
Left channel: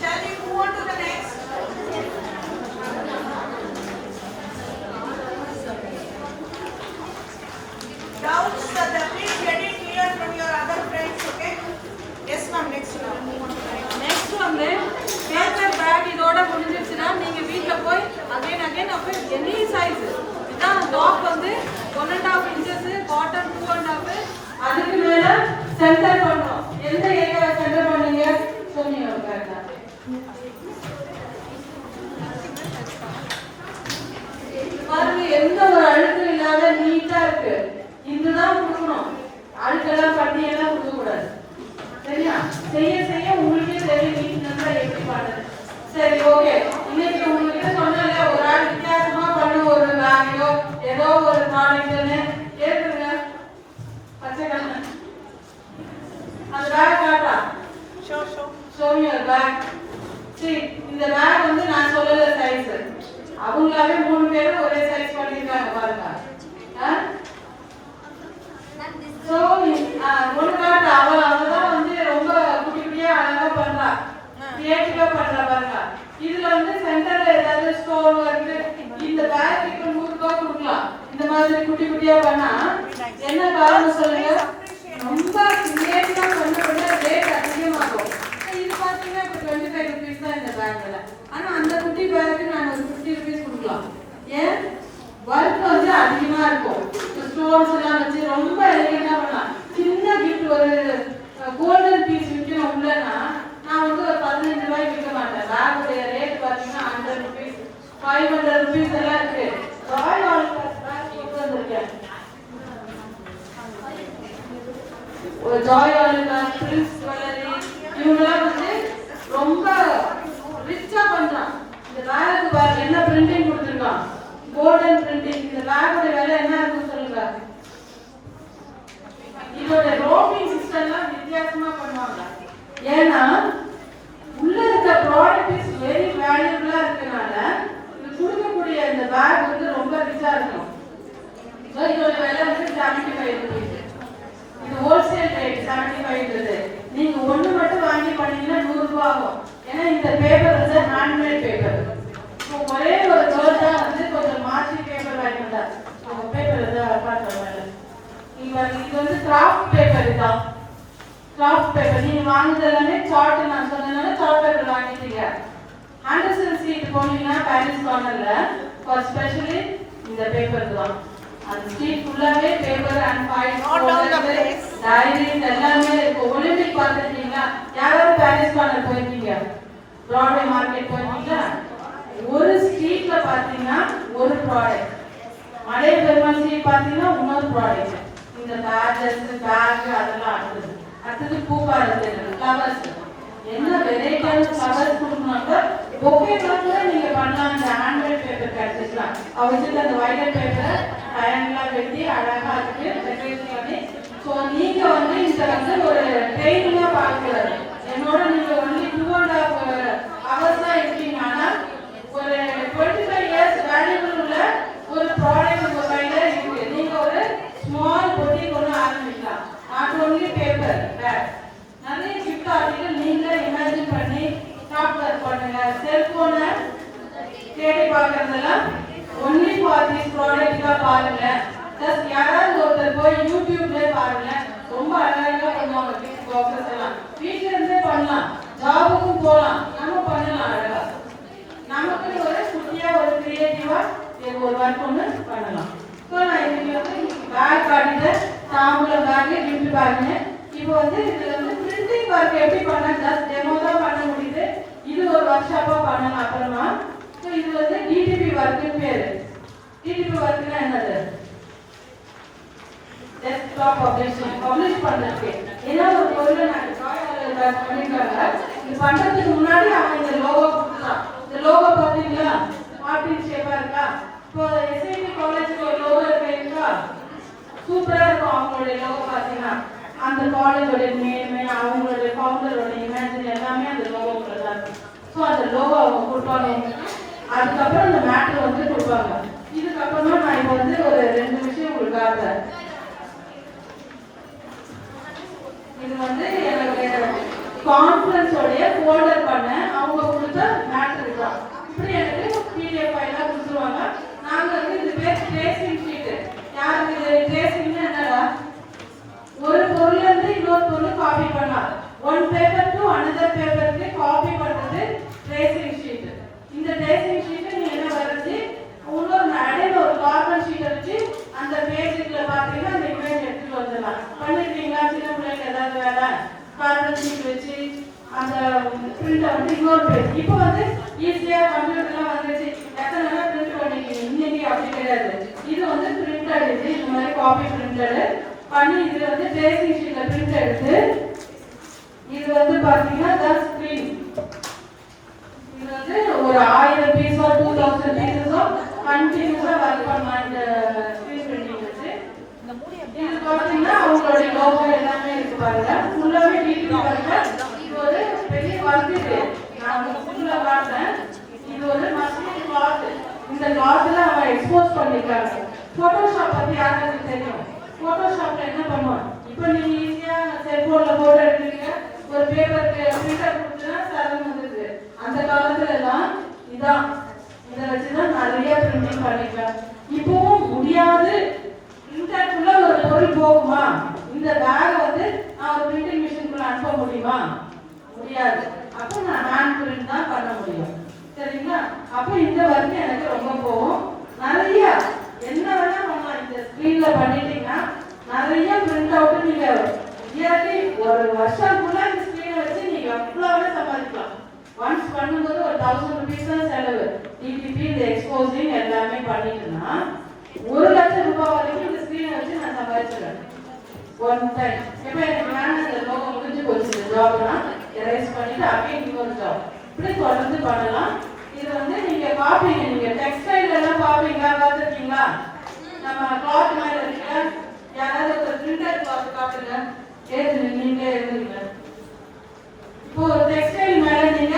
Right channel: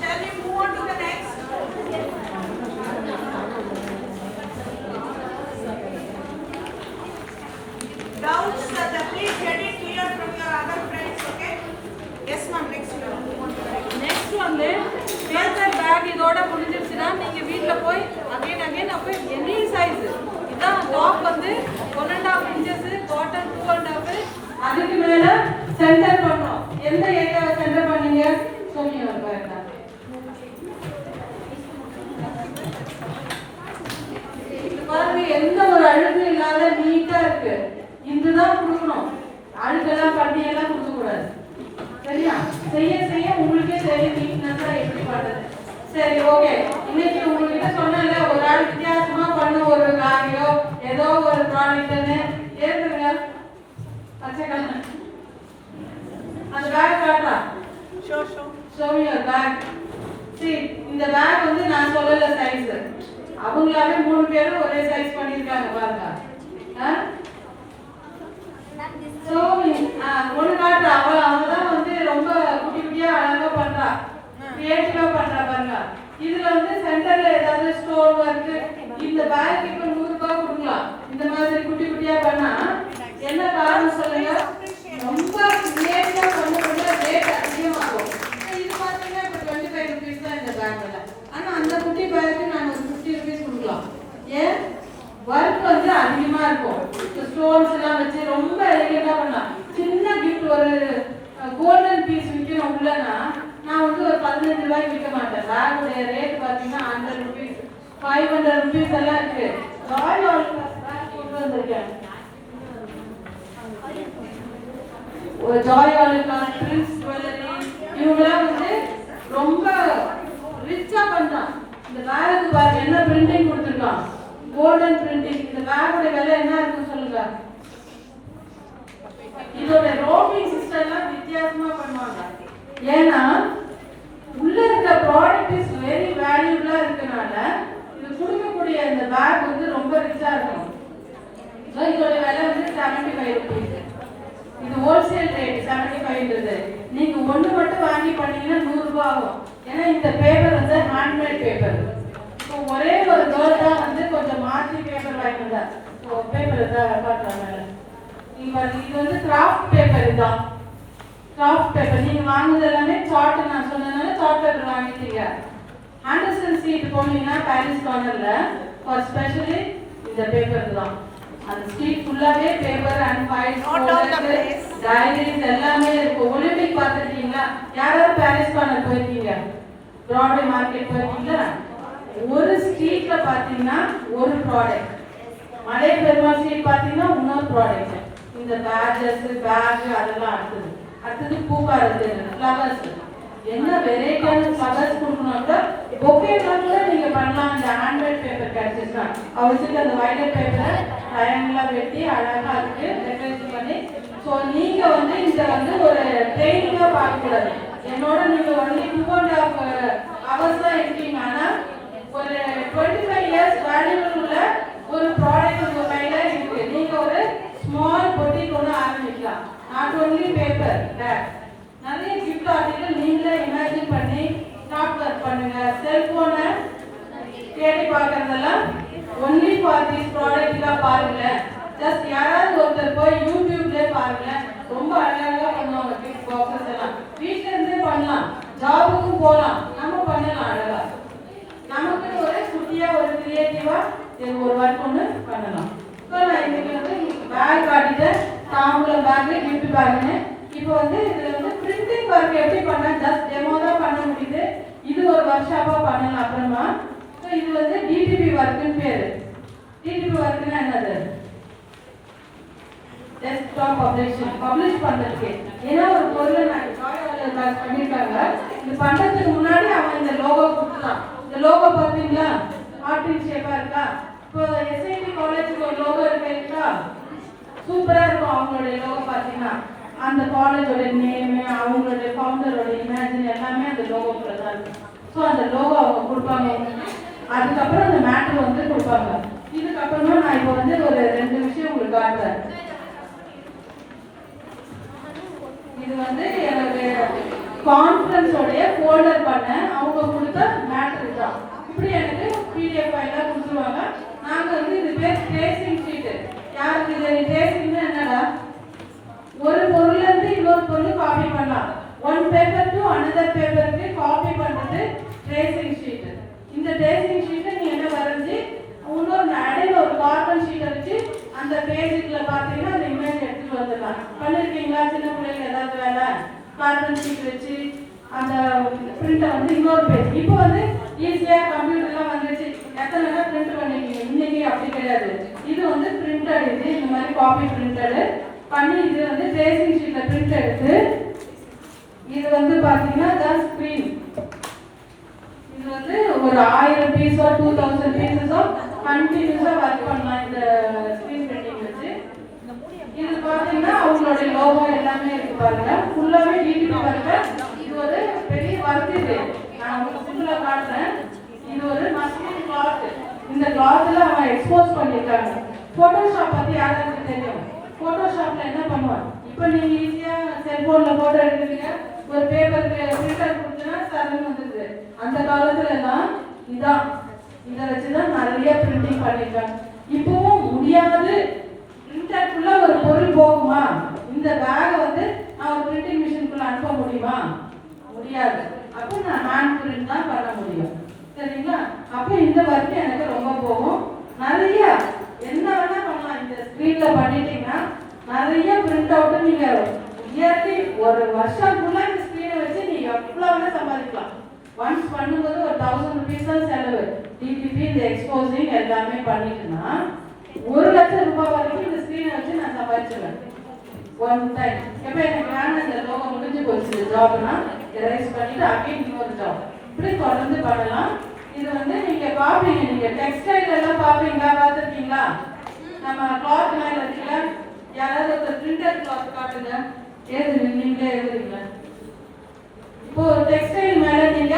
Shall we move on to the next? Doubts, please get it clear from your other friends, okay? Yes ma'am, next we will move on to the next. Next வந்து பேப்பர் பேக் இதோட முடிஞ்சிருச்சுன்னா நீங்க வீட்ல போய் அகைன் அப்போ எனி சைஸ் இதான் டாப் வந்து 1.5 inches, பாட்டம் 2.5, அதுக்கு மேல சென்டர் பண்ணோம். எந்த ஏரியாவை சென்டர் பண்ணீங்க சொல்லுங்க பாருங்க. பாருங்க எந்த ஒரு அழுக்கும் இல்லாத நீட்டா இருக்கு. இதுதான் கொடுக்கணும். அழுக்கெல்லாம் பட்டியெல்லாம் கொடுக்க கூடாது. சரியா? செய்ய உங்களுக்கே தெரியும் நீட்னஸ்ல எப்படி பண்றது. சரி, ஓகே. இன்னைக்கு உங்ககிட்ட சொன்னேன்ல ஒரு ஆள் வித்தியாசமா பண்ண ஒரு பேக்கையோ ஏதோ ஒரு ப்ராடக்ட்னு ஏத்துங்க. வச்சுக்கங்க. அந்த பேக் காட்டா. Show me your bag. See, இந்த பேக் வந்து நான் சொல்லல சைஸ். அவங்களாவே 3 பேரும் ஒரே சைஸ் பண்ணிருக்காங்க பாருங்க. சோ ஒன்னு காட்டுற அவதான் வந்து ரொம்ப குட்டி குட்டியா அழகா பண்றா, கிரியேட்டிவா பண்றா பாருங்க. இதுல வந்து சென்டர்ல ஏதாவது ஸ்டோன் இருக்கு. இந்த பேக்குக்கு 100 ரூபாய் கொடுக்கலாம். இந்த மாதிரி குட்டி குட்டியா பண்ணா என்ன காரணம் சொல்லுங்க? ரொம்ப கிரியேட்டிவா பண்ண ரேட் அதிகமாகும். இது பாத்தீங்கன்னா இப்ப 25 rupees தான் இந்த பேக்ல. ஆனா அந்த குட்டி பேக்கு நான் ஒரு 50 rupees கொடுக்கலாம். ஏன்? ஒர்க் வந்து அதிகமா இருக்கும். ஸ்டோன்ஸ் எல்லாம் வச்சு ரொம்ப எலிகண்டா பண்ணலாம். சின்ன கிஃப்ட் ஒரு கோல்டன் பீஸ் விற்கணும் உள்ளனா நான் வந்து ஒரு 15 ரூபாய்க்கு விற்க மாட்டேன். பேக்குடைய ரேட் பாத்தீங்கன்னா 100 rupees, 500 rupees எல்லாம் இருக்கு. ராயல் ஆல்காஸ் பேக் கொண்டு வந்திருக்கேன். ஒரு ஜாய் ஆல்காஸ், பிரின்ஸ் ஜுவல்லரி இவங்கெல்லாம் வந்து ரொம்ப ரிச்சா பண்றான். இந்த பேக்கு பாருங்க என்ன பிரிண்டிங் கொடுத்துருக்கான், கோல்டன் பிரிண்டிங். இந்த பேக்கோட விலை என்ன இருக்கு சொல்லுங்க? இதோட ரோமிங் சிஸ்டம்லாம் வித்தியாசமா பண்ணுவாங்க. ஏன்னா உள்ள இருக்க ப்ராடக்ட் இஸ் வெரி வேல்யூபிளா இருக்கனால இது கொடுக்கக்கூடிய இந்த பேக் வந்து ரொம்ப ரிச்சா இருக்கும். இதோட விலை வந்து 75 rupees. இது ஹோல்சேல் ரேட் 75. நீங்க ஒண்ணு மட்டும் வாங்கி பண்ணீங்கன்னா 100 ரூபாய் ஆகும். ஏன்னா இந்த பேப்பர் வந்து ஹேண்ட்மேட் பேப்பர். ஒரே ஒரு ஜோல் தான் வந்து கொஞ்சம் மாற்றி பேப்பர் வாங்கினா பேப்பர் தான் பாத்துறாங்க. இது வந்து கிராஃப்ட் பேப்பர் தான். கிராஃப்ட் பேப்பர் நீங்க வாங்குறது எல்லாமே சார்ட் நான் சொன்னதுனால சார்ட் பேப்பர் வாங்கிட்டீங்க. ஆண்டர்சன் ஸ்ட்ரீட் போனீங்கன்னா பாரிஸ் கார்னர்ல ஃபார் ஸ்பெஷலி இந்த பேப்பர் தான். அந்த ஸ்ட்ரீட் ஃபுல்லாவே பேப்பர் அண்ட் ஃபைல்ஸ், டைரிஸ் எல்லாமே இருக்கு. ஒலிம்பிக் பார்த்துருக்கீங்களா? யாராவது பாரிஸ் கார்னர் போயிருக்கீங்க? பிராட்வே மார்க்கெட் போயிருக்கீங்களா? ஒரு ஸ்ட்ரீட்ல பாத்தீங்கன்னா ஒரு ப்ராடக்ட், மலை பெருமாள் ஸ்ட்ரீட் பாத்தீங்கன்னா இன்னொரு ப்ராடக்ட். இந்த பேஜஸ் பேக் அதெல்லாம் அடுத்தது பூவாரது ஃப்ளவர்ஸ். என்ன வெரைட்டியான ஃப்ளவர்ஸ் கொடுக்கணும்னா பொக்கே மாதிரி நீங்க பண்ணலாம். இந்த ஹேண்ட்மேட் பேப்பர் கிடைச்சிச்சுன்னா அவசியம் அந்த வைலட் பேப்பரை ட்ரையாங்கிளா வெட்டி அழகா இருக்கு டெக்கரேட் பண்ணி. ஸோ நீங்க வந்து இந்த வந்து ஒரு ட்ரெயின்ல பார்க்கக்கூடாது. என்னோட நீங்க வந்து 2.5 hours தான் இருக்கீங்கன்னா ஒரு 25 years வேல்யூபிள் உள்ள ஒரு ப்ராடக்ட் உங்க கையில இருக்கு. நீங்க ஒரு ஸ்மால் பொட்டிக் ஒன்று ஆரம்பிக்கலாம். நாட் ஒன்லி பேப்பர் பேக், நிறைய கிஃப்ட் ஆர்டிகல் நீங்களே இமேஜின் பண்ணி ஸ்டார்ட் ஒர்க் பண்ணுங்க. செல்போனை தேடி பார்க்கறதெல்லாம் ஒன்லி ஃபார் திஸ் ப்ராடக்ட் பாருங்க. ஜஸ்ட் யாராவது ஒருத்தர் போய் யூடியூப்ல பாருங்க, ரொம்ப அழகா பண்ணுவாங்க கிஃப்ட் பாக்ஸஸ் எல்லாம். வீட்ல இருந்தே பண்ணலாம், ஜாபுக்கும் போகலாம், நம்ம பண்ணலாம் அழகா. நமக்கு ஒரு குட்டியா ஒரு கிரியேட்டிவா ஒரு ஒர்க் ஒன்று பண்ணலாம். ஸோ நான் இன்னைக்கு வந்து பேக் காட்டிட்டேன், தாம்பூலம் பேக், கிஃப்ட் பேக்குன்னு. இப்போ வந்து இதுல வந்து பிரிண்டிங் ஒர்க் எப்படி பண்ணலாம், ஜஸ்ட் டெமோ தான் பண்ண முடியுது. இது ஒரு ஒர்க் ஷாப்பா பண்ணலாம் அப்புறமா. ஸோ இது வந்து டிடிபி ஒர்க்குன்னு பேரு. டிடிபி ஒர்க்னா என்னது? டெஸ்க்டாப் பப்ளிஷ் பண்றதுக்கு. ஏன்னா ஒரு பொருளை நான் பண்ணிருக்காங்க, இது பண்றதுக்கு முன்னாடி அவங்க இந்த லோகோ கொடுக்கலாம். இந்த லோகோ பாத்தீங்களா, ஹார்ட் ஷேப்பா இருக்கா? இப்போ எஸ்ஐடி காலேஜ்ல ஒரு லோகோ இருக்கா, சூப்பரா இருக்கும். அவங்களுடைய லோகோ பாத்தீங்கன்னா அந்த காலேஜோட நேம், அவங்களுடைய ஃபவுண்டரோட இமேஜ் எல்லாமே அந்த லோகோக்குள்ள தான் இருக்கும். ஸோ அந்த லோகோ அவங்க கொடுப்பாங்க. அதுக்கப்புறம் அந்த மேட்டர் வந்து கொடுப்பாங்க. இதுக்கப்புறமா நான் இப்போ வந்து ஒரு 2 விஷயம் உங்களுக்கு காட்டுறேன். இது வந்து என்னுடைய கான்ஃபரன்ஸோடைய ஃபோல்டர் பண்ண அவங்க கொடுத்த மேட்டர் இருக்கும். இப்படி எனக்கு பிடிஎஃப் ஃபைலா கொடுத்துருவாங்க. நாங்க வந்து இது பேர் ட்ரேசிங் ஷீட். யாருக்கு இது ட்ரேசிங்னா என்னடா, ஒரு பொருள்ல இருந்து இன்னொரு பொருள் காப்பி பண்ணலாம். ஒன் பேப்பர் டு அனதர் பேப்பருக்கு காப்பி பண்றது ட்ரேசிங் ஷீட். இந்த ட்ரேசிங் ஷீட்டை நீங்க என்ன வரைஞ்சி இன்னொரு அடையில ஒரு கார்பன் ஷீட்டை வச்சு அந்த பேஜுக்குள்ள பாத்தீங்கன்னா அந்த இமேஜ் எடுத்துட்டு வந்துடலாம். பண்ணிருக்கீங்களா சின்ன பிள்ளைங்க ஏதாவது வேலை? கார்பன் ஷீட் வச்சு அந்த பிரிண்டை வந்து இன்னொரு பேஜ். இப்போ வந்து ஈஸியா கம்ப்யூட்டர்லாம் வந்துச்சு, எத்தனை வேணா பிரிண்ட் பண்ணிக்கீங்க. இன்னைக்கு அப்படி கிடையாது. இது வந்து பிரிண்டட், இது இந்த மாதிரி காப்பி பிரிண்டட் பண்ணி இது வந்து ட்ரேசிங் ஷீட்ல பிரிண்ட் எடுத்து இது வந்து பாத்தீங்கன்னா தான் ஸ்கிரீன். இது வந்து ஒரு 1000 பீஸோ 2000 பீஸோ கண்டினியூஸா ஒர்க் பண்ணலாம் இந்த ஸ்கிரீன் பிரிண்டிங் வச்சு. இது பாத்தீங்கன்னா அவங்களோட லோகோ எல்லாமே இருக்கு பாருங்க. ஃபுல்லாவே டிடிபி ஒர்க். இது ஒரு பெரிய ஒர்க். இது நான் உங்களுக்கு ஃபுல்லா காட்டுறேன். இது ஒரு மஸ்லின் கிளாத். இந்த கிளாத்ல அவங்க எக்ஸ்போஸ் பண்ணிருக்காங்க. போட்டோஷாப் பத்தி யாராவது தெரியும்? போட்டோஷாப்ல என்ன பண்ணுவோம், இப்போ நீங்க ஈஸியா செல்போன்ல போட்டோ எடுக்கிறீங்க, ஒரு பேப்பருக்கு பிரிண்டர் கொடுத்தா சரம் வந்துருது. அந்த காலத்துல எல்லாம் இதான், இதை வச்சுதான் நிறைய பிரிண்டிங் பண்ணிருக்காங்க. இப்பவும் முடியாது, பிரிண்டருக்குள்ள ஒரு பொருள் போகுமா? இந்த பேக் வந்து நான் ஒரு பிரிண்டிங் மிஷினுக்குள்ள அனுப்ப முடியுமா? முடியாது. அப்போ நான் ஹேண்ட் பிரிண்ட் தான் பண்ண முடியும். சரிங்களா? அப்போ இந்த ஒர்க் எனக்கு ரொம்ப போகும். நிறைய என்ன வேணா பண்ணலாம். இந்த ஸ்கிரீன்ல பண்ணிட்டீங்கன்னா நிறைய பிரிண்ட் அவுட் நீங்க இயர்லி ஒரு வருஷம் ஃபுல்லா இந்த ஸ்கிரீனை வச்சு நீங்க எவ்வளவு சம்பாதிக்கலாம். ஒன்ஸ் பண்ணும்போது ஒரு 1000 rupees தான் செலவு. டிடிபி இந்த எக்ஸ்போசிங் எல்லாமே பண்ணிட்டுனா 1 லட்சம் ரூபாய் வரைக்கும் இந்த ஸ்கிரீனை வச்சு நான் சம்பாதிச்சிருக்கேன் ஒன் டைம். இப்போ எனக்கு வேணும் இந்த லோகோ முடிஞ்சு போச்சு ஜாப்னா எரேஸ் பண்ணிட்டு அப்படியே இன்னொரு ஜாப் இப்படி தொடர்ந்து பண்ணலாம். இது வந்து நீங்க பாப்பீங்க, நீங்க டெக்ஸ்டைல் எல்லாம் பாப்பீங்களா, பார்த்துருக்கீங்களா? நம்ம கிளாத் மாதிரி இருக்குல்ல, யாராவது ஒரு பிரிண்டர் கிளாத் காட்டுங்க, எழுதுங்க, நீங்களே எழுதுறீங்க. இப்போ டெக்ஸ்டைல் மேல நீங்க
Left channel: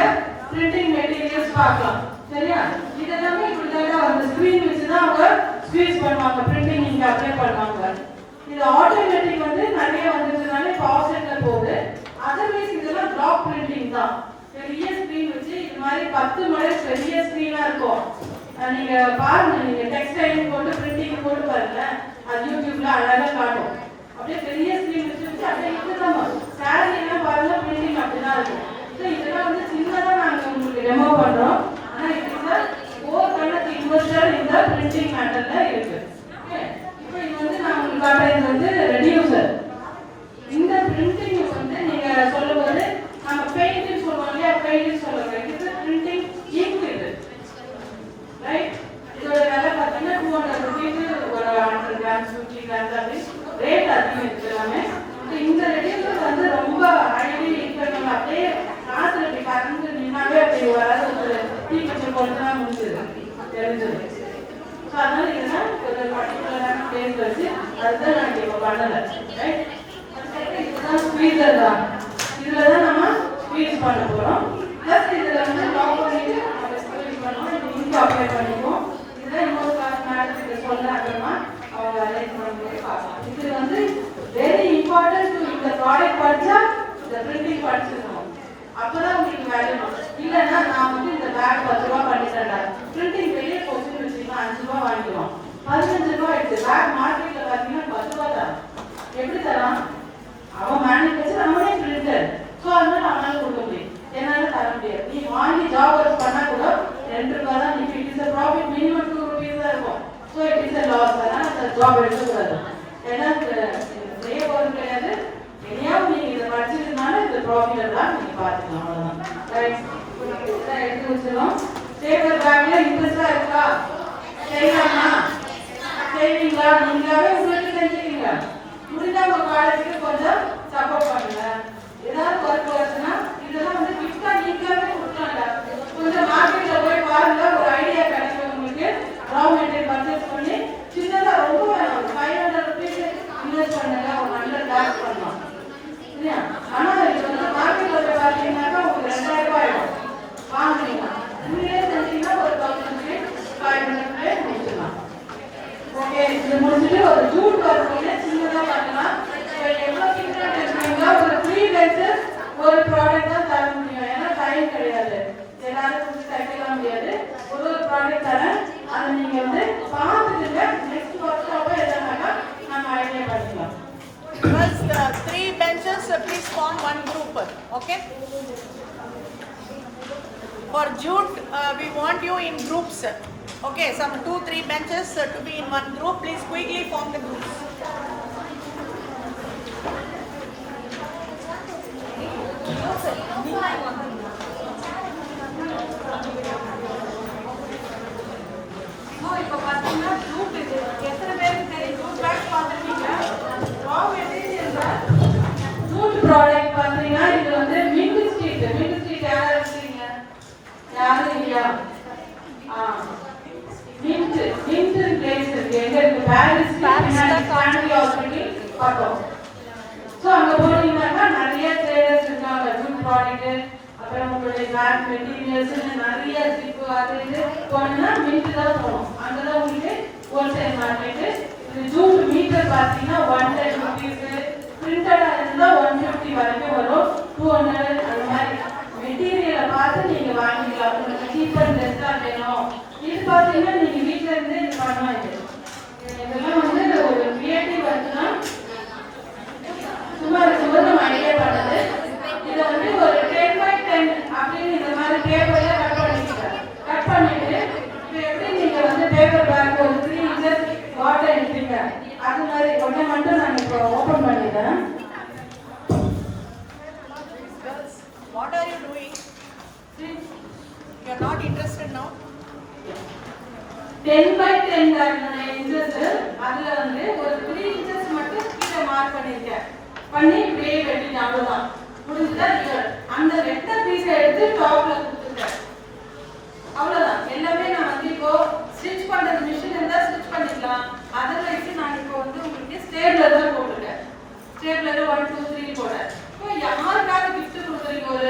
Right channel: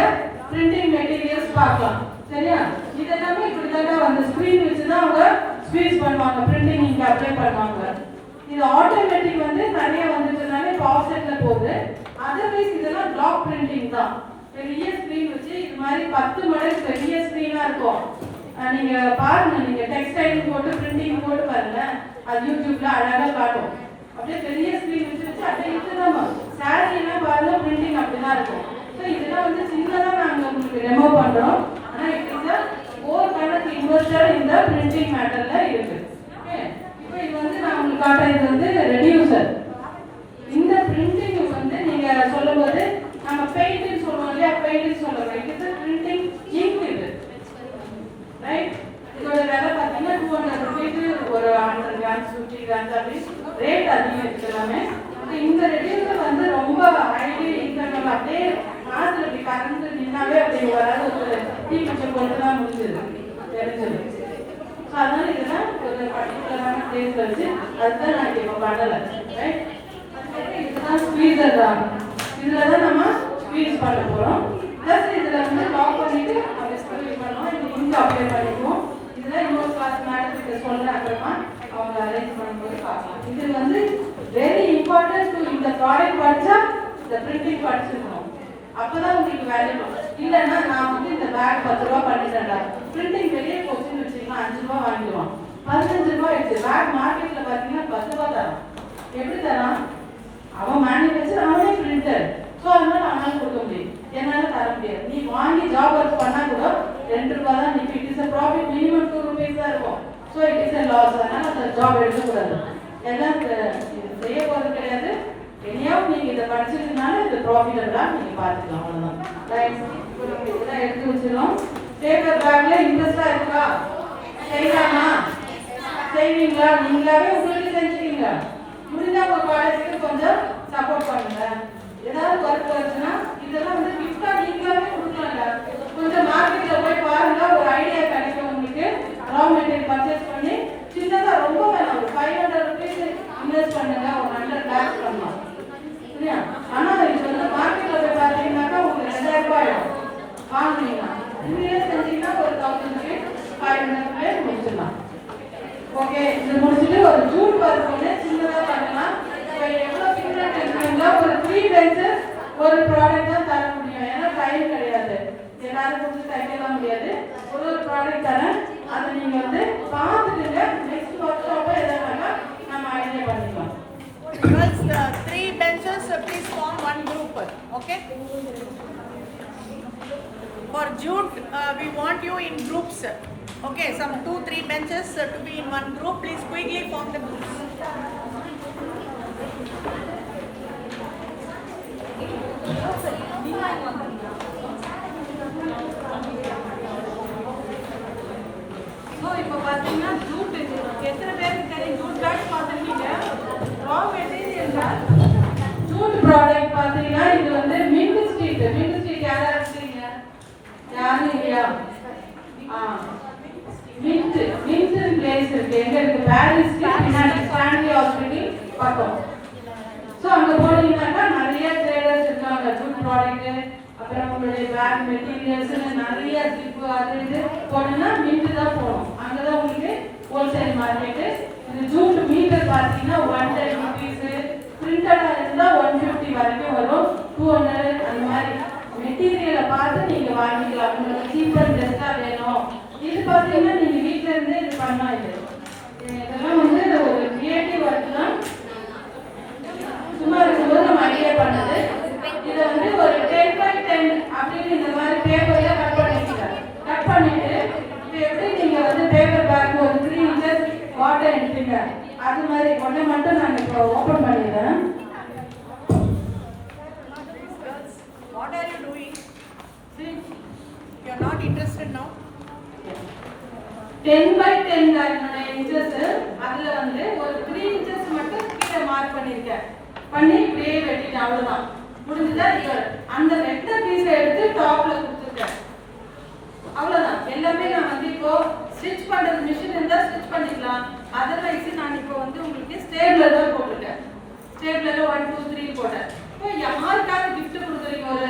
பிரிண்டிங் மெட்டீரியல்ஸ் பார்க்கலாம். சரியா? இதெல்லாமே இப்படிதான் அந்த ஸ்கிரீன் வச்சுதான் அவங்க ஸ்வீச் பண்ணுவாங்க, பிரிண்டிங் இங்க அப்ளை பண்ணுவாங்க. இது ஆட்டோமேட்டிக் வந்து நிறைய வந்ததுனால ஆஃப்செட்ல போகுது. அதர்வைஸ் இதெல்லாம் டிராப் பிரிண்டிங் தான். பெரிய ஸ்கிரீன் வச்சு இது மாதிரி 10 மடங்கு பெரிய ஸ்கிரீனா இருக்கும். நீங்க பாருங்க, நீங்க டெக்ஸ்டைல் போட்டு பிரிண்டிங் போட்டு பாருங்க, அது யூடியூப்ல அழகா காட்டும். அப்படியே பெரிய ஸ்கிரீன் வச்சு அப்படியே இதுதான் சாரி எல்லாம் பாருங்க, பிரிண்டிங் அப்படிதான் இருக்கும். ஸோ இதெல்லாம் வந்து சின்னதா நாங்க உங்களுக்கு டெமோ பண்றோம். ஆனா இதுதான் 400 இன்வெஸ்டர் இந்த பிரிண்டிங் மேட்டர்ல இருக்கு. இப்போ இது வந்து நான் உங்களுக்கு காட்டுறேன். இது வந்து ரெடியூசர். இந்த பிரிண்டிங் வந்து நீங்க சொல்லும்போது நம்ம பெயிண்டிங் சொல்றோம் இல்லையா, பெயிண்டிங் சொல்லுவாங்க. இது பிரிண்டிங் இங்க். இது ரைட். இதோட விலை பார்த்தீங்கன்னா 200 rupees, ஒரு 100 grams 50 grams அப்படி ரேட் அதிகம் இருக்கிறாங்க. இந்த ரெடியூசர் வந்து ரொம்ப ஹைலி இன்ஃபெக்டிவ். அப்படியே காசுல இப்படி கறந்து நின்னாலே அப்படி வராது, ஒரு தீக்குச்சி போட்டுதான் முடிஞ்சது தெரிஞ்சது. அதனால இதுதான் ஒரு பர்டிகுலரான பிளேஸ் வச்சு அதுதான் நான் இப்போ பண்ணல. ரைட். அதுக்கப்புறம் இதுதான் ஸ்குவீசர் தான். இதுலதான் நம்ம ஸ்குவீஸ் பண்ண போறோம். பிளஸ் இதுல வந்து லாக் பண்ணிட்டு நம்ம ஸ்குவீஸ் பண்ணோம். இது இங்க் அப்ளை பண்ணிக்குவோம். இதெல்லாம் இன்னொரு கிளாஸ் மேடத்துக்கு சொல்ல அப்புறமா அவங்க அரேஞ்ச் பண்ணும்போது பார்க்கலாம். இது வந்து வெரி இம்பார்ட்டன்ட். இந்த ப்ராடக்ட் படிச்சா இந்த பிரிண்டிங் படிச்சிருக்கணும், அப்பதான் உங்களுக்கு வேல்யூ. இல்லைன்னா நான் வந்து இந்த பேக் 10 ரூபா பண்ணிட்டேன், பிரிண்டிங் வெளியே போச்சுன்னு வச்சுக்கலாம் 5 ரூபா வாங்கிடுவோம். 15 ரூபாய் ஆயிடுச்சு. பேக் மார்க்கெட்ல பாத்தீங்கன்னா 10 ரூபாய் தரான். எப்படி தரான்? அவன் மேனுஃபேக்சர், அவனே பிரிண்டர். ஸோ அதனால அவனால கொடுக்க முடியும், என்னால தர முடியாது. நீ வாங்கி ஜாப் ஒர்க் பண்ணா கூட 2 ரூபாய் தான் நிற்கும். It is profit minimum 2 rupees தான் இருக்கும். So it is loss. அதனால அந்த ஜாப் எடுக்கக்கூடாது. ஏன்னா செய்ய போகிறது கிடையாது. எங்கேயாவது நீங்க இதை படிச்சதுனால இந்த ப்ராஃபிட் தான் நீங்க பார்த்துக்கலாம். அவ்வளோதான். ரைட். இப்போ நம்ம இதெல்லாம் எடுத்து வச்சிடலாம். பேப்பர் பேக்ல இன்ட்ரெஸ்டா இருக்கா? செய்யலாமா? செய்வீங்களா? நீங்களாவே உங்களுக்கு செஞ்சுக்கீங்க. முடிஞ்சா உங்க காலேஜுக்கு கொஞ்சம் சப்போர்ட் பண்ணுங்க. ஏதாவது ஒர்க் வருதுன்னா இதெல்லாம் வந்து கிஃப்டா நீங்களாவே கொடுக்கலாம்ல. கொஞ்சம் மார்க்கெட்ல போய் பாருங்க, ஒரு ஐடியா கிடைக்கும் உங்களுக்கு. ரா மெட்டீரியல் பர்ச்சேஸ் பண்ணி சின்னதா ரொம்ப வேணும், ஒரு 500 rupees இன்வெஸ்ட் பண்ணுங்க. ஒரு நல்ல பேக் பண்ணலாம். ஆனா இது வந்து மார்க்கெட்ல போய் பார்த்தீங்கன்னாக்கா உங்களுக்கு 2000 ரூபாய் வாங்குவீங்க. 2 years செஞ்சீங்கன்னா ஒரு 1500 முடிச்சிடலாம். ஓகே, இது முடிச்சுட்டு ஒரு ஜூட் பார்க்கணும்னு சின்னதா பண்ணலாம். எவ்வளவு சின்னதா பண்ணுவீங்களா? ஒரு 3 benches ஒரு ப்ராடக்ட் தான் தர முடியும். ஏன்னா டைம் கிடையாது, எல்லாரும் வந்து தைக்கலாம் முடியாது. ஒரு ப்ராடக்ட் தரேன், அதை நீங்க வந்து பார்த்துட்டு நெக்ஸ்ட் ஒர்க் அப்போ எதுனால நம்ம ஐடியா பண்ணிக்கலாம். Girls, 3 benches, please form one group. Okay. For jute, we want you in groups. Okay, some 2-3 benches to be in one group. Please quickly form the groups. இப்போ பார்த்தீங்கன்னா ஜூட் எத்தனை பேருக்கு தெரியும்? ஜூட் பேக்ஸ் பார்த்துருக்கீங்க. ரா மெட்டீரியல் தான் ஜூட் ப்ராடக்ட் பார்த்தீங்கன்னா இது வந்து மின்ட் ஸ்ட்ரீட் யாரும் இருக்கீங்க? யாரும் இல்லையா? மின்ட் பிளேஸ் இருக்கு. எங்க இருக்கு? பாரிஸ் ஃபேமிலி ஹாஸ்பிட்டல் பக்கம். ஸோ அங்கே போனீங்கன்னா நிறைய ட்ரேடர்ஸ் இருக்காங்க. ஜூட் ப்ராடக்ட், அப்புறம் உங்களுடைய பேக் மெட்டீரியல்ஸ், நிறைய ஜிப்பு அது இது போனீங்கன்னா மின்ட் தான் போகணும். அங்கதான் உங்களுக்கு ஹோல்சேல் மார்க்கெட்டு. இது ஜூட் மீட்டர் பார்த்தீங்கன்னா 110 rupees, பிரிண்டடா இருந்தா 150 வரைக்கும் வரும். 200 அந்த மாதிரி மெட்டீரியலை பார்த்து நீங்க வாங்கிக்கலாம். உங்களுக்கு சீப் அண்ட் பெஸ்டா வேணும். இது பார்த்தீங்கன்னா நீங்க வீட்டுல இருந்தே இது பண்ணலாம். இதெல்லாம் வந்து ஒரு கிரியேட்டிவ் ஒர்க் தான். சும்மா இருக்கும்போது நம்ம ஐடியா பண்ணது. இதை வந்து ஒரு 10x10 அப்படின்னு இந்த மாதிரி பேப்பர்ல கட் பண்ணிட்டு இது எப்படி நீங்க வந்து பேப்பர் பேக் ஒரு 3 inches வாட்டர் எடுப்பீங்க, அது மாதிரி ஒன்றை மட்டும் நான் இப்போ ஓப்பன் பண்ணிடுறேன். What are you doing? You are not interested now? 10x10 inches. அதுல வந்து ஒரு 3 inches மட்டும் கீழே மார்க் பண்ணிருக்கேன். பண்ணி இப்படியே வெட்டிட்டேன். அவ்வளவுதான், முடிஞ்சதா? அந்த நெட்ட பீஸை எடுத்து டாப்ல கொடுத்துட்டேன். அவ்வளவுதான். எல்லாமே நான் வந்து இப்போ ஸ்டிச் பண்றது மிஷின் இருந்தா ஸ்டிச் பண்ணிக்கலாம். அதர்வைஸ் நான் இப்போ வந்து உங்களுக்கு ஸ்டேப்லர் தான் போட்டுட்டேன். ஸ்டேப்லர் 1 2 3 போட்டேன். இப்போ யாருக்காவது கிஃப்ட் கொடுக்குறீங்க? ஒரு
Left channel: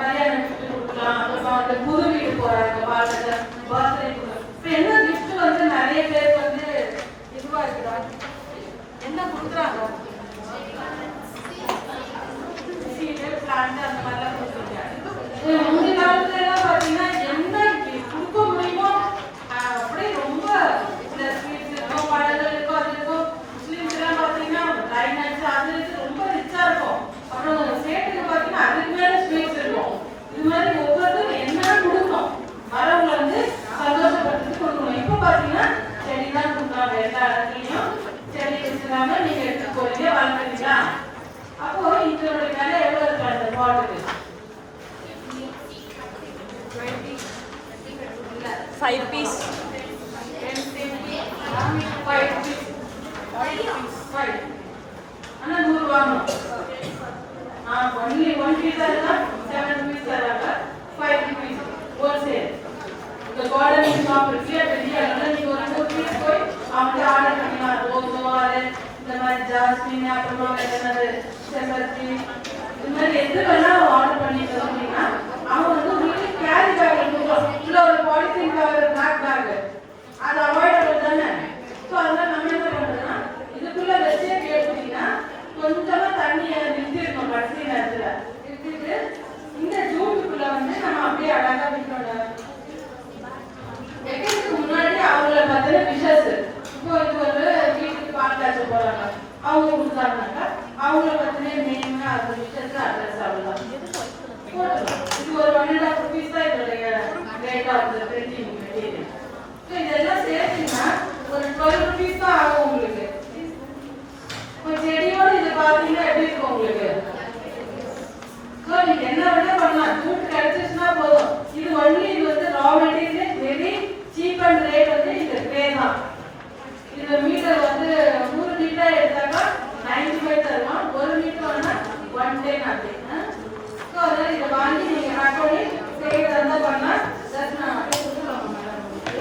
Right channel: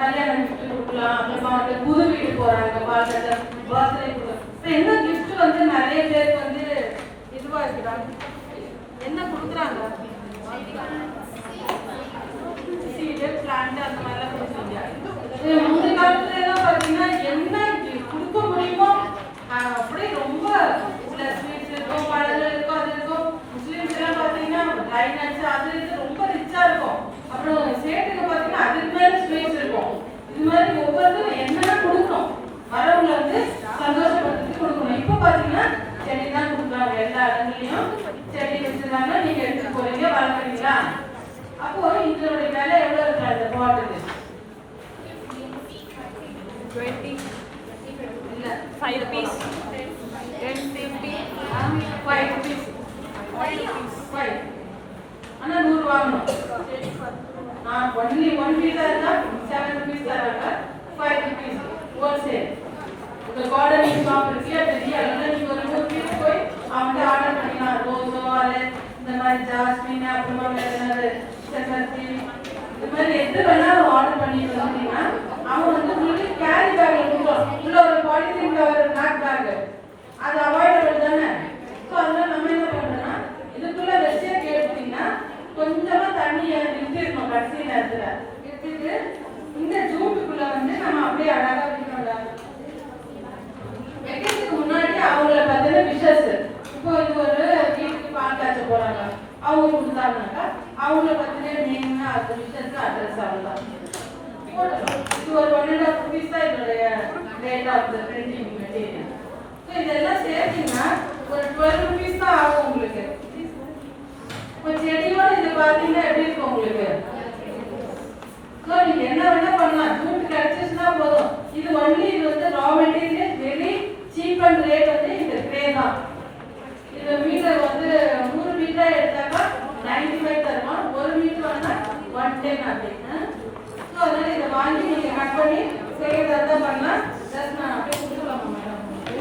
கல்யாண கிஃப்ட் கொடுக்கலாம், அப்புறமா வந்து புது வீடு போறாங்க, பர்த்டே கொடுக்கலாம். இப்போ என்ன கிஃப்ட் வந்து நிறைய பேர் வந்து இதுவா இருக்குறாங்க, என்ன கொடுக்குறாங்க? சீடு, பிளான்ட் அந்த மாதிரிலாம் கொடுப்பீங்க. முந்தைய காலத்துல எல்லாம் பார்த்தீங்கன்னா என்ன கொடுக்க முடியுமோ அப்படியே ரொம்ப ஸ்வீட்ஸ் இருக்கும், பழங்கள் இருக்கும், அது இருக்கும். முஸ்லீம்ஸ் எல்லாம் பார்த்தீங்கன்னா ட்ரை நட்ஸ் அது இது ரொம்ப ரிச்சா இருக்கும். அப்புறம் சேட்டுக்கு பார்த்தீங்கன்னா அதுக்கு மேல ஸ்வீட்ஸ் இருக்கும். இது மாதிரி ஒவ்வொருத்தரும் என்ன கொடுக்கணும், வரவங்க வந்து சந்தோஷப்படுத்தி கொடுக்கணும். இப்போ பார்த்தீங்கன்னா செடி தான் கொடுக்குறாங்க. எல்லா இடத்துலையும் செடி வச்சுருக்காங்க. நீங்க எடுத்து போறீங்க, வளர்க்குறீங்களா? அப்போ இதனுடைய விலை எவ்வளவு இருக்கு? அந்த பாட்டுக்கு 5 rupees. 5 rupees. 5. ஆனா 100 வாங்கணும். நான் ஒன்லி 1 piece இருந்தா 7 rupees தராங்க. 5 rupees ஹோல்சேல். இந்த கார்டனிங் ஷாப் இருக்கு, பெரிய எல்லாம் ஒரு 1 piece போய் அவங்க ஆர்டர் பண்ணிக்கலாம். ரோஸ், அது இந்த மாதிரி ஜாஸ்மின், அப்புறமா என்னது செம்பருத்தி, இது மாதிரி எது வேணாலும் ஆர்டர் பண்ணி வந்துட்டீங்கன்னா அவங்க வந்து உங்களுக்கு கேரி பேக் கொடுக்கும். உள்ள ஒரு பாலித்தீன் கவர், பிளாக் பேக், அது அவாய்டபிள் தானே. ஸோ அதெல்லாம் நம்ம என்ன பண்ணணும்னா இதுக்குள்ள வச்சே கேட்டீங்கன்னா கொஞ்சமா தண்ணி நிறுத்திருக்கோம் கடைசி நேரத்தில் எடுத்துட்டு இந்த ஜூட்டுக்குள்ள வந்து நம்ம அப்படியே அழகா வைக்கணும். வெட்டிங்க்கு முன்னாடி அவங்கள பார்த்தீங்கன்னா விஷஸ் இருக்காங்க, அவங்க கொடுத்தாங்கனாக்கா அவங்கள பத்தின நேம் அது விஷயத்துக்கு அட்ரஸ் ஆகலாம். இது ஒரு 1.5 rupees தான் இதோடைய rate of the printing material. இதெல்லாம் சேர்த்தீங்கன்னா ஒரு 12 rupees தான் ஆகும் உங்களுக்கு. இப்போ செடியோட இது பார்த்தீங்கன்னா எப்படி இருக்கும் உங்களுக்கு? ஸோ நீங்க என்ன வேணா பண்ணலாம், ஜூட் கிடைச்சிச்சுன்னா போதும். இது ஒன்லி இது வந்து raw material very cheap and rate வந்து இந்த ட்ரே தான். இது மீட்டர் வந்து 100 மீட்டர் எடுத்தாக்கா 95 தருவான், 1 மீட்டர் வாங்கினா 110 அப்படின்னு. ஸோ அதனால இதை வாங்கி நீங்க கட் பண்ணி செய்யறதா பண்ணலாம். ஜஸ்ட் நான் அப்படியே கொடுத்துக்கலாமா மேடம் உங்களுக்கு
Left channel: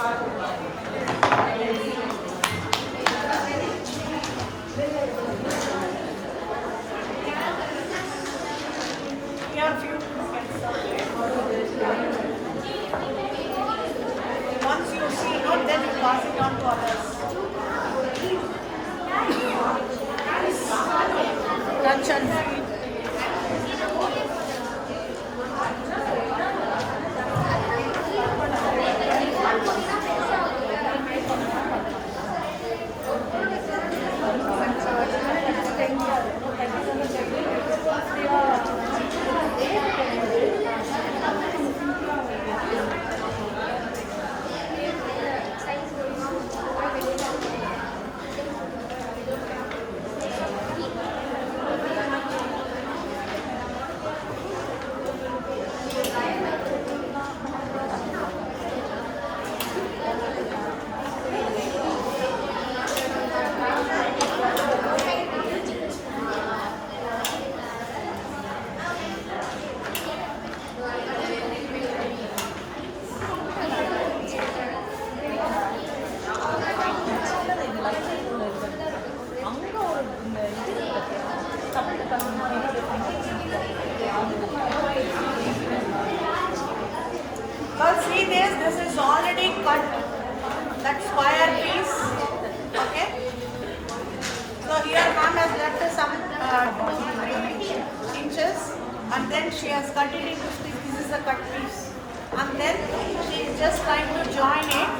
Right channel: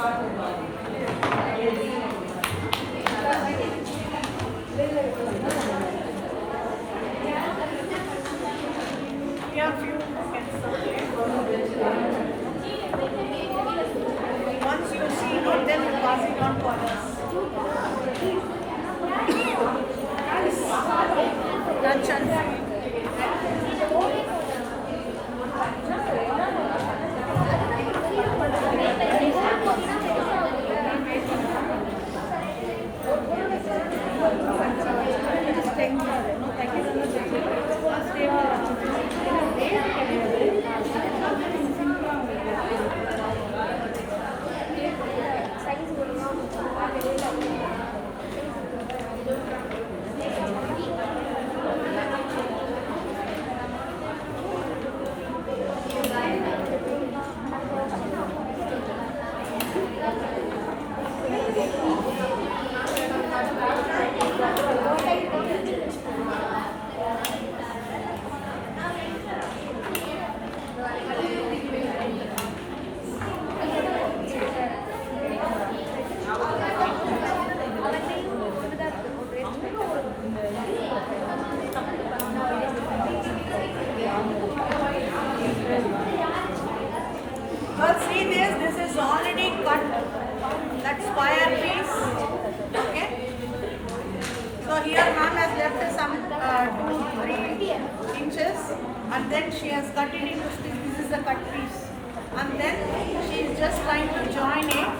பார்த்துக்கலாம். Once you see it, then you pass it on to others. Well, see this is already cut, that square piece, okay? So here ma'am has left some 2 inches and then she has cut it into pieces. This is the cut piece. And then she is just trying to join it.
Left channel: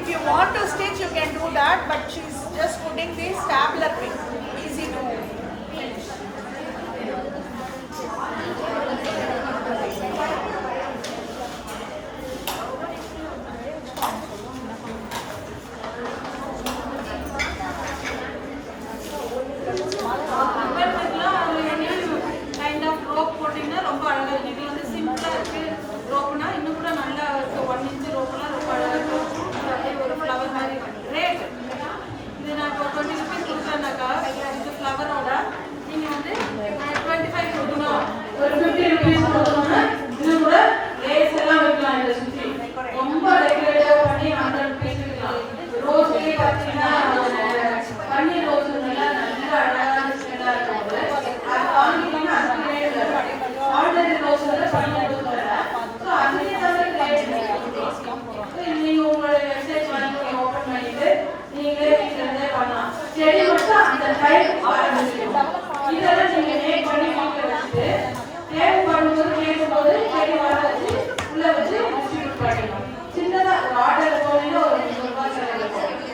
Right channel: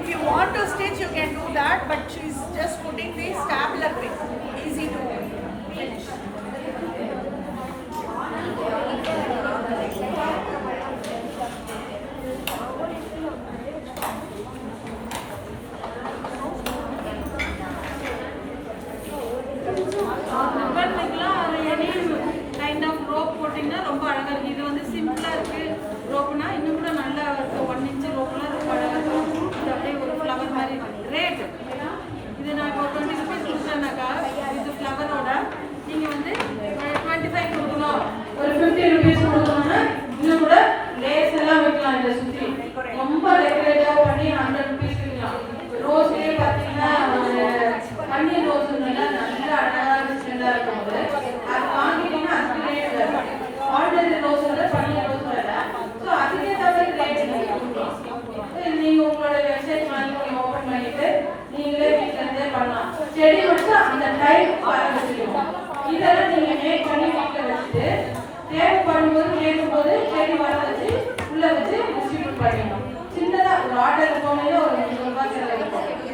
If you want to stitch, you can do that, but she's just putting the stapler pin. Easy to finish. Kind of rope போட்டிங்கன்னா ரொம்ப அழகாக இருக்குது. இது வந்து சிம்பிளாக இருக்குது. ரோப்புனா இன்னும் கூட நல்லா இருக்குது. 1 inch ரோப்புலாம் ரொம்ப அழகாக இருக்கும். இது அப்படியே ஒரு ஃப்ளவர் மாதிரி ரேட். இது நான் இப்போ 20 rupees கொடுத்தேன்னாக்கா இது ஃப்ளவரோட நீங்கள் வந்து 25 கொடுக்கணும், ஒரு 50 rupees கொடுக்கணும்னா இது கூட லேஸ் எல்லாம் வைக்கலாம். இதை சுற்றி ரொம்ப ரெகுலேட்டாக பண்ணி 100 rupees வைக்கலாம். ரோஸ் பார்த்தீங்கன்னா பன்னீர் ரோஸ் நல்லா அழகான ஸ்மெல்லாக இருக்கும். அது வாங்கிட்டீங்கன்னா அதுக்கு ரேட் ஆர்டினரி ரோஸ் பன்னீர் ரோஸ் வரலாம். ஸோ அதுக்கே தவிர ரேட் நீங்கள் உங்களோட வெப்சைட் ஓப்பன் பண்ணிட்டு நீங்களே வீட்டிலே பண்ணலாம். செடி மட்டும் அந்த டைப் ஆரம்பிச்சிடும். இதெல்லாம் நீங்கள் மேக் பண்ணி வீட்டில் வச்சுட்டு டேப் பண்ணும்போது கேட்கும்போது செடி வர வச்சு உள்ளே வச்சு டிஸ்ட்ரிபியூட் பண்ணிடலாம். சின்னதாக ஒரு ஆர்டர் போனீங்கன்னா ஒரு 3 ரூபாய் செலவு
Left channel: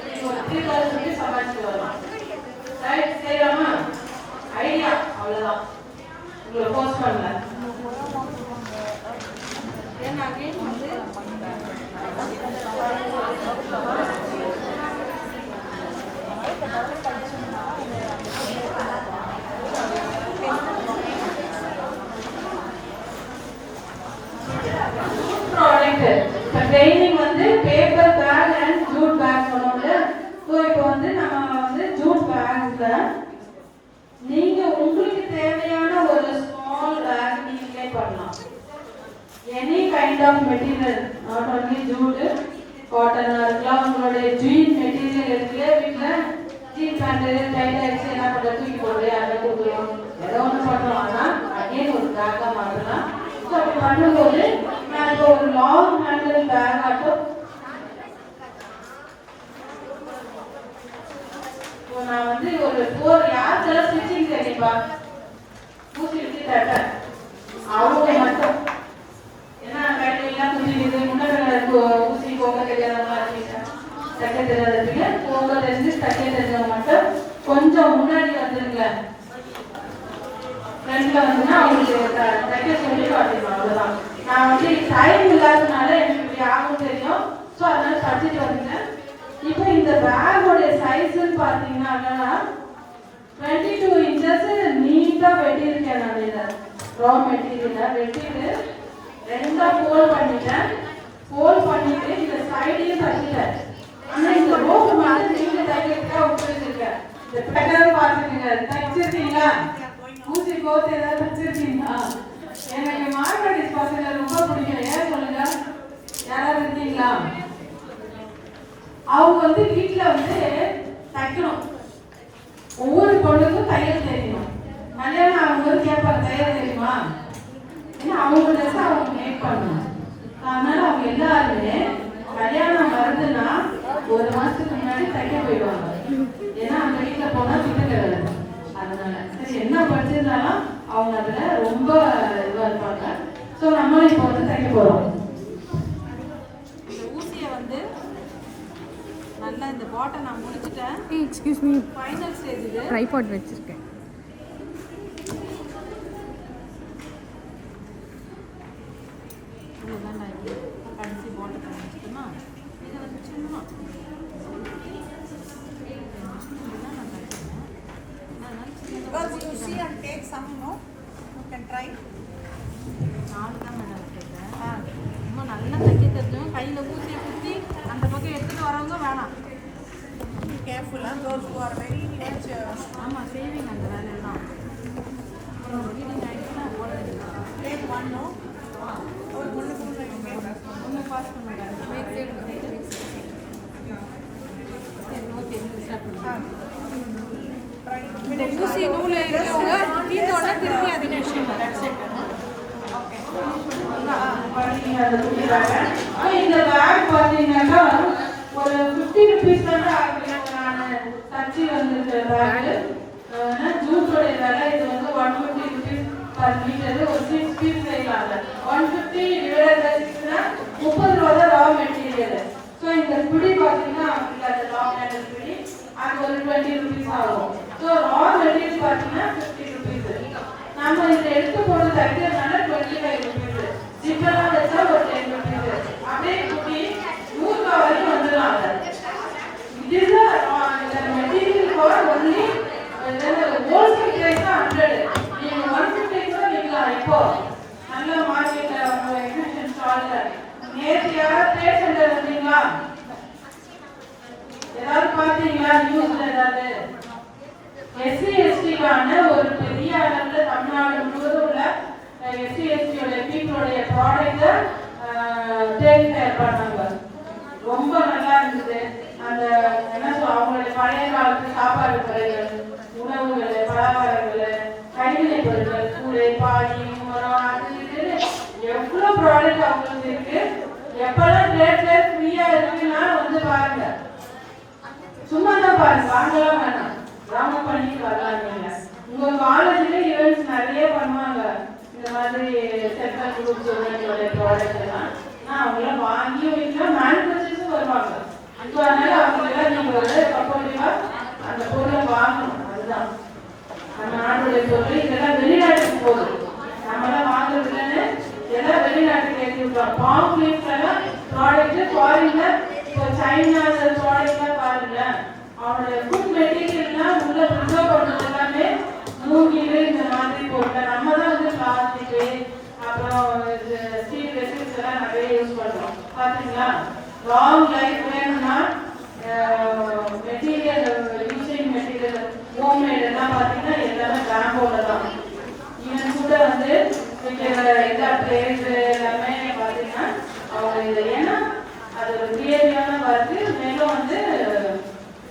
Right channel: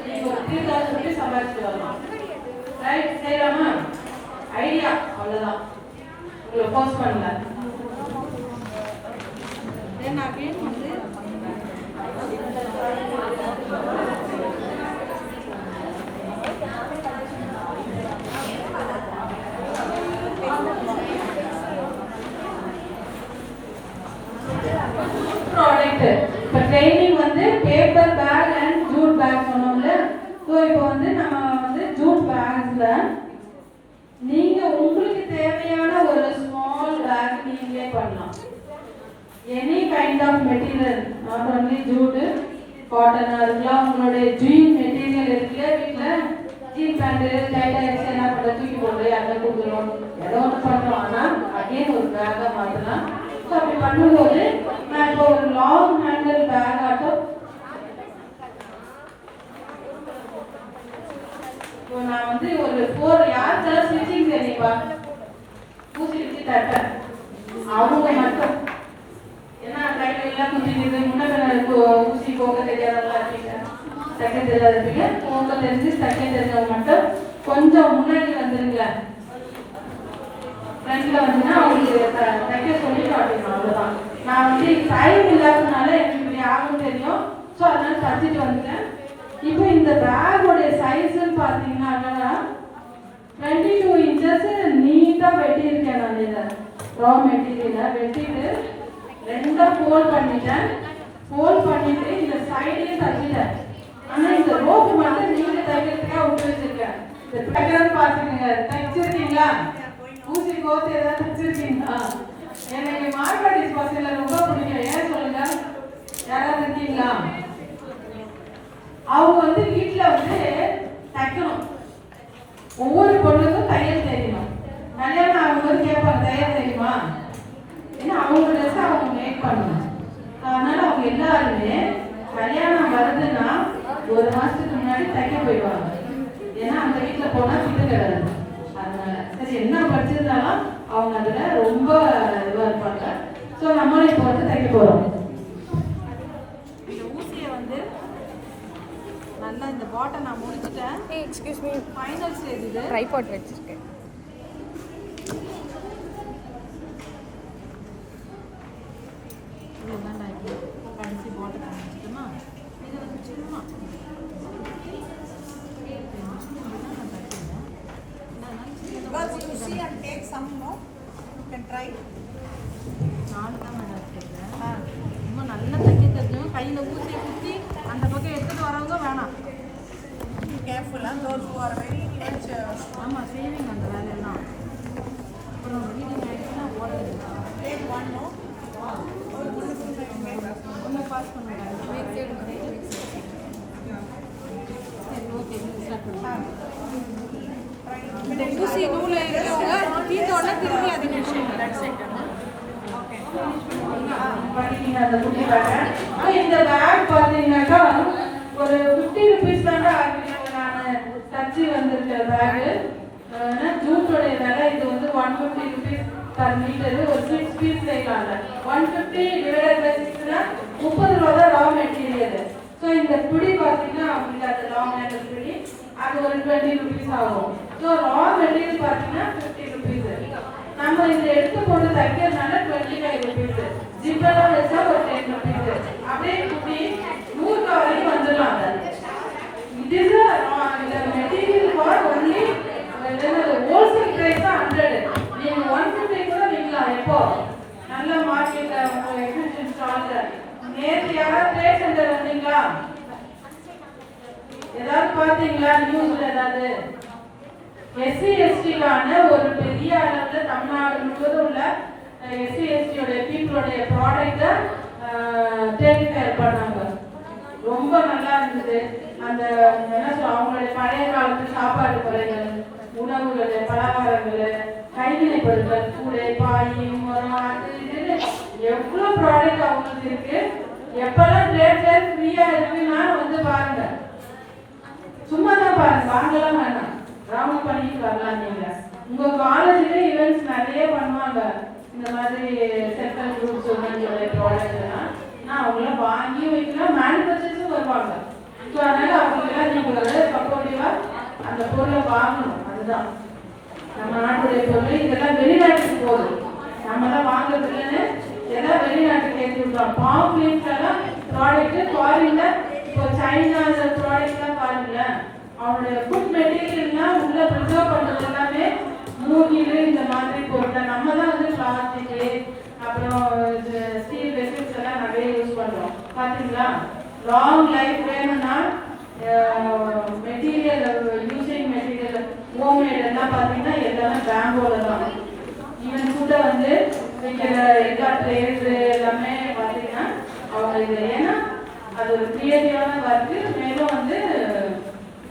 நீங்கள் ஒரு 3000 rupees சம்பாதிச்சு வரலாம். ரைட், செய்யலாமா? ஐடியா அவ்வளோதான். உங்களை போஸ்ட் பண்ணல தென் அகைன் வந்து ப்ராடக்ட் இப்போ ட்ரைனிங் வந்து paper bag and jute bag சொன்னோம்ல. ஸோ இப்போ வந்து நம்ம வந்து ஜூட் பேக்ஸில் நீங்கள் உங்களுக்கு தேவையான ஒரு ஸ்மால் பேக் நீங்களே பண்ணலாம். Any kind of material, not only jute, காட்டனாக இருக்கலாம். உங்களுடைய ஜீன் மெட்டீரியல் இருக்குல்ல வீட்டில், ஜீன் பேண்ட்டு டைட் ஆகிடுச்சு என்ன பண்ணுற தூக்கி போட்டு அதை கொடுக்குறோம், ஏதோ ஒன்று பண்ணலாம்னா அகைன் ஒரு பேக்காக மாற்றலாம். ஸோ அப்படி பண்ணும்போது நான் இப்போ ஒரு லாங் ஹேண்டில் பேக் ஆட்டும் நான் வந்து ஒரு 4 யாருக்கெல்லாம் ஸ்டிச்சிங் தெரியுப்பா ஊசி வச்சு தப்பேன் அவங்க மட்டும். ஏன்னா கையில எல்லாம் குத்திக்குது, முன்ன ஊசி போக்க தெரியாதவங்களா இருக்கீங்க. தைக்க தெரியாதீங்க. உங்க தெரிஞ்சு தைக்க தெரிஞ்சவங்க மட்டும் கொஞ்சம் முன்னாடி வந்துருங்க. ஃப்ரெண்ட்ல வந்துன்னா உங்களுக்கு தைக்க சொல்லி காட்டணும். நான் வந்து டைம் இல்லாததுனால எனக்கு யாருக்கும் தெரியும். ஸோ அதனால தச்சுட்டு வந்துட்டேன். இப்போ இந்த பேக்கோடைய சைஸ்ன்னு பார்த்தீங்கன்னா 22 இன்ச்சஸ் நீட்டாக வெட்டியிருக்கேன். நான் இதை ரா மெட்டீரியலை வெட்டிட்டு ரெண்டாக ஃபோல்ட் பண்ணிட்டேன். ஃபோல்ட் பண்ணிட்டு இந்த சைடையும் தச்சுட்டேன். ஆனால் இந்த ரோப்பு மட்டும் நீங்கள் தைக்கிறதுக்காக உபயோகிச்சிருக்கேன். இந்த பேக்கர் பார்த்துக்கங்க, தைச்சிருக்கீங்களா? ஊசி கோத்து ஏதாவது தைச்சிருக்கீங்களா? எனக்கு மார்வாடி பசங்க ரொம்ப பிடிக்கும். ஏன் சொல்லுங்க, யாராவது இருக்கீங்களா? அவங்க வந்து வீட்டில் வந்து தைக்கணும். ஒவ்வொரு பொண்ணுக்கும் தையல் தெரியணும். கல்யாணம் ஆகும்போது கேட்பாங்க, தையல் தெரியுமா? ஏன்னா அவங்க ட்ரெஸ் அவங்க மேக் பண்ணணும். அதனால அவங்க எல்லாருமே கல்யாணம் வருதுன்னா ஒரு மாசத்துக்கு முன்னாடி தைக்க போயிடுவாங்க. ஏன்னா அவங்க வீட்டில் போனால் திட்டு கிடையாது. அதனால சரி, என்ன படிச்சிருந்தாலும் அவங்க அதில் ரொம்ப இதுவாக இருப்பாங்க. ஸோ நம்மளும் இப்போ வந்து தைக்க போகிறோம். இந்த ஊசியை வந்து நல்லா இந்த பாட்டை நான் முடிச்சுட்டேன். எக்ஸ்கியூஸ் மீ, ஃபைனல் ஸ்டேஜ் இது. ட்ரைபாட் வச்சிருக்கேன். இதுதான் நான் இப்போ கடைசி பாட்டை பண்ணிச்சுட்டோமா, இதை வந்து சும்மா நான் தைக்கிறேன். Because you see and take some, no? You can try. நாலு தான் மேடம் வச்சுருக்கேன். ரொம்ப நல்லா தைக்க தெரிஞ்சவங்க கையில் ஊசியை குத்தி அந்த பக்கம் எடுத்துகிட்டு வரவங்க வேணாம். Be careful, and those who are very much. ஆமாம், சேவிங் அந்த வேலையெல்லாம். அப்புறம் ரீடிங் ஆகிடுச்சுன்னா ஓடுறது. Take one, no? ஒரு பொண்ணு கொடுங்க. ரொம்ப பாஸ் பண்ணுங்க. சரி, ஓகே, ஸ்டார்ட் பண்ணுங்க. ஊசி நூல் இருக்கிறவங்க தீர்த்தோட திரும்பி அதை இந்த பேக் பார்த்தீங்கன்னாக்கா ஒரு 50 ருபீஸ் தான் நான் தச்சு வந்துருக்கிற பேக்கு. ஜூஸோடைய விலை இது வந்து 150 ருபீஸ் பர் மீட்டரு. ஒரு 6 பீஸ் செய்யலாங்க. 150 டிவைடட் பை 6னா 30 ரூபா தான் ரா மெட்டீரியல். ஸோ இந்த பிடி பார்த்தீங்கன்னா அவங்களுக்கு அந்த லாங் ஹேண்டல் பிடி அது ஒரு 20 ருபீஸ் ஆகும். ஸோ ரா மெட்டீரியல் பார்த்தீங்கன்னா 50 ருபீஸ். நம்ம இதை எடுத்து போட்டு தைக்கிறதுனால 25 ருபீஸ். ஜிப்பெல்லாம் வச்சா ஒரு 10 ருபீஸ். அப்படியே குட்டி 100 வரைக்கும் வந்துடலாம். இது இந்த material for only wholesale price தான் 100. நீங்க 150 கூட விற்கலாம். இப்போ நல்ல மார்க்கெட்ல நம்ம எக்ஸிபிஷன் ஸ்டால்ல நேற்று யாராவது ட்ரேட் சென்டர் வந்தீங்களா? ஏதாவது பார்த்தீங்களா நியூஸ்ல? ஏதாவது எஸ்சி எஸ்டிக்கான ஒரு பெரிய அளவுல தமிழ்நாடு முழுவதும் உள்ள எஸ்சி எஸ்டியோட பீப்புளுடைய ப்ராடக்டை ட்ரேட் பண்ணாங்க. ரொம்ப நல்லா இருந்தது. அந்த என்ன சொல்ல, அவங்களுடைய பழைய காலத்து சாப்பாடு முறைகள், உணவுகள், பலகாரங்கள், கைவினை பொருட்கள், கூடை, பாடி, முறம், அது இதுன்னு எவ்வளோ ப்ராடக்ட் அவங்களுக்கு இருக்கு. எப்பெல்லாம் ட்ரேட்ல ஃப்ரீயா இருக்குன்னா வந்து பாருங்க. சும்மா தான் பாருங்க, வாங்கலாம் வேணாம், கிராம பண்ணிட்டு வரலாம். நீங்க உங்க காலேஜ்ல ஈவெண்ட்ஸ் நிறைய பண்ணுவாங்க. இந்த மாதிரி செக்டர் குரூப்ஸ் ப்ராடக்ட் எல்லாம் அவங்கள வாங்கி வைக்கலாம். மேனுஃபேக்சர்ஸும் வருவாங்க. அதனால அவங்களாம் நீங்க வந்து சப்போர்ட்டிவா அந்த பொருளை வாங்கணும். அதுதான் நம்ம நாட்டுடைய பொருள். இதெல்லாம் வெளிநாட்டுக்கு போகுது, நம்மளாம் வாங்குறது இல்லைன்னு இதெல்லாம் வெளிநாட்டுக்கு ஏற்றிருக்கோம். பாம்ப்ளீட்ஸ் எல்லாம் ப்ராடக்ட் ஃபாரின்ல இப்போ சைனா அந்த ப்ராடக்ட்லாம் பாருங்க. அவனோட ஃபுட் மெட்டீரியல்லாம் உள்ள ப்ரிசர்வ் பண்ணுறது எல்லாமே மூங்கில் இந்த மாதிரி பொருட்கள். நம்ம தான் வந்து பிளாஸ்டிக்கு அப்புறம் ஸ்டீல் வெசல்ஸ் எல்லாம் நிறைய யூஸ் பண்ணுறோம். பார்த்தீங்களா? லாங் லைஃப் வேணும்னா மெட்டீரியல் யூசிங் மெட்டீரியல் ஹோம்மேட் எல்லாம் பார்த்தீங்கன்னா எல்லாமே பெங்களூரில் தான். ஈவன் கூட வந்து இதா பிளேஸ் எல்லாமே பார்த்தீங்கன்னா அவங்க இது ஏன்னா அது ஒரு கிளியரியான ஒர்க்கு. மேலும் வந்து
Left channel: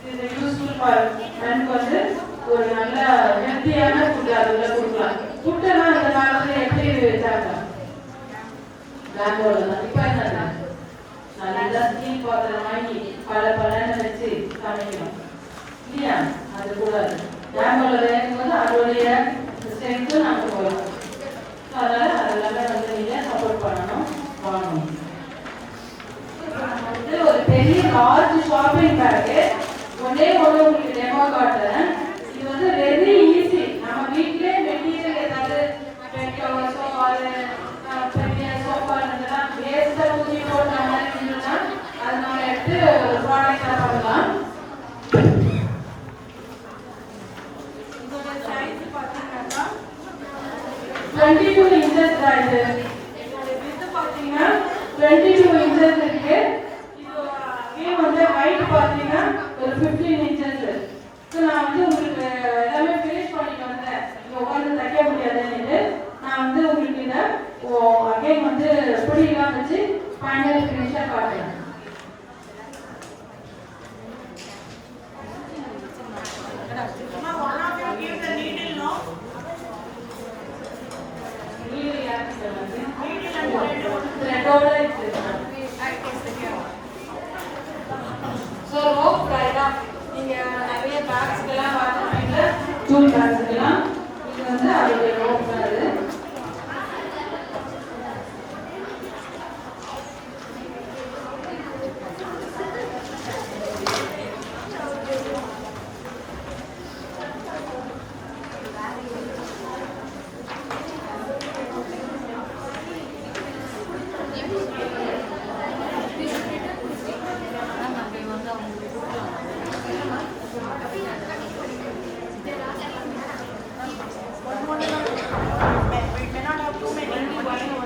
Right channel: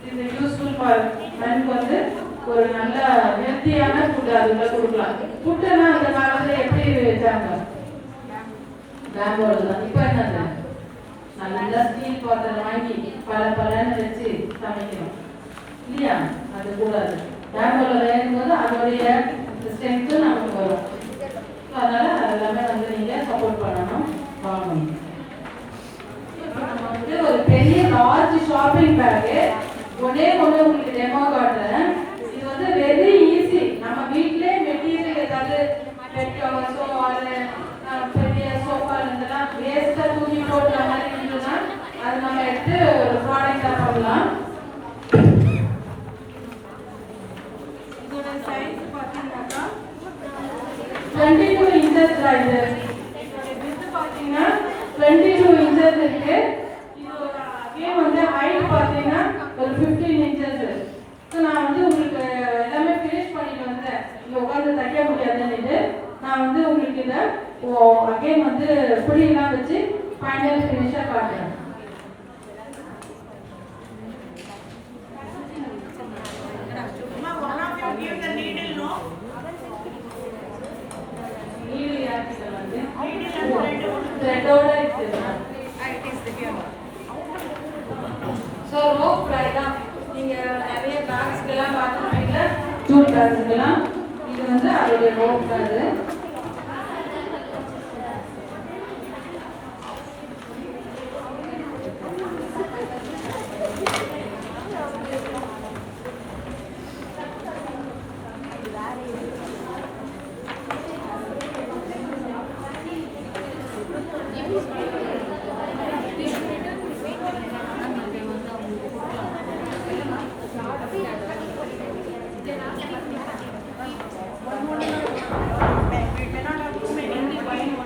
இது யூஸ்ஃபுல் ஃபார் வந்து ஒரு நல்ல ஹெல்த்தியான ஃபுட் அதுக்குள்ள கொடுக்கலாம். ஃபுட்டெல்லாம் அந்த காலத்தில் எப்படி வச்சாங்க? பெங்களூரில் தான். இப்போ என்னது நல்லா ஸ்டீல் பாத்திரம் வாங்கி பலன்னு வச்சு சமைக்கணும் இல்லையா? அது கூடாது. பெங்களூரில் வேணும்போது அதோடைய ஸ்ட்ரென்த்து நமக்கு வரும். அதனால அதெல்லாமே வந்து நீங்கள் சப்போர்ட் பண்ணணும், வாங்கணும். இப்போ நம்ம வந்து வந்து ஒரு பெரிய லார்ஜ் ஷாப்பிங் பேக்கு. ஒரே ஒன்று உங்களுக்கு டெமோ காட்டுறேன். இது வந்து வெரி ஈஸி. நம்ம வீட்டிலே மெட்டீரியல் ஏதாவது பெட்ரோஸோ அது பெரிய சோஃபா இருந்ததுன்னா வேஸ்ட்டாக தூக்கி போட்டு அந்த மாதிரி இருந்ததுன்னா அது நம்ம எடுத்து ஒரு ப்ராடக்டாக பண்ணலாம். இதோட சைஸ் பார்த்தீங்கன்னாக்கா 22 inches தான் இது. இதோட வித்து பார்த்தீங்கன்னா 22 inches இருக்கு. இது வந்து ஹைட் பார்த்தீங்கன்னா ஒரு 15 inches. நான் வந்து உங்களுக்கு எல்லாமே ஃபினிஷ் பண்ணிட்டு வந்தேன். இந்த உட்காந்து தைக்க முடியாதுன்னு நான் வந்து உங்களுக்கு இதை அகைன் வந்து புரியலாம் வச்சு ஃபைனல் ஃபினிஷாக காட்டுறேன். give the needle, no? Need யாருக்கு வந்து Needle and த்ரெட்டோட இருக்கு. I taste the here. So rope ரைடா நீங்கள் நிறைய பேக்ஸ்க்கெல்லாம் பார்த்துருப்பீங்க. டூல் பேக்ஸ்க்கெல்லாம் இது வந்து அதோடைய ரோப் தான் இது.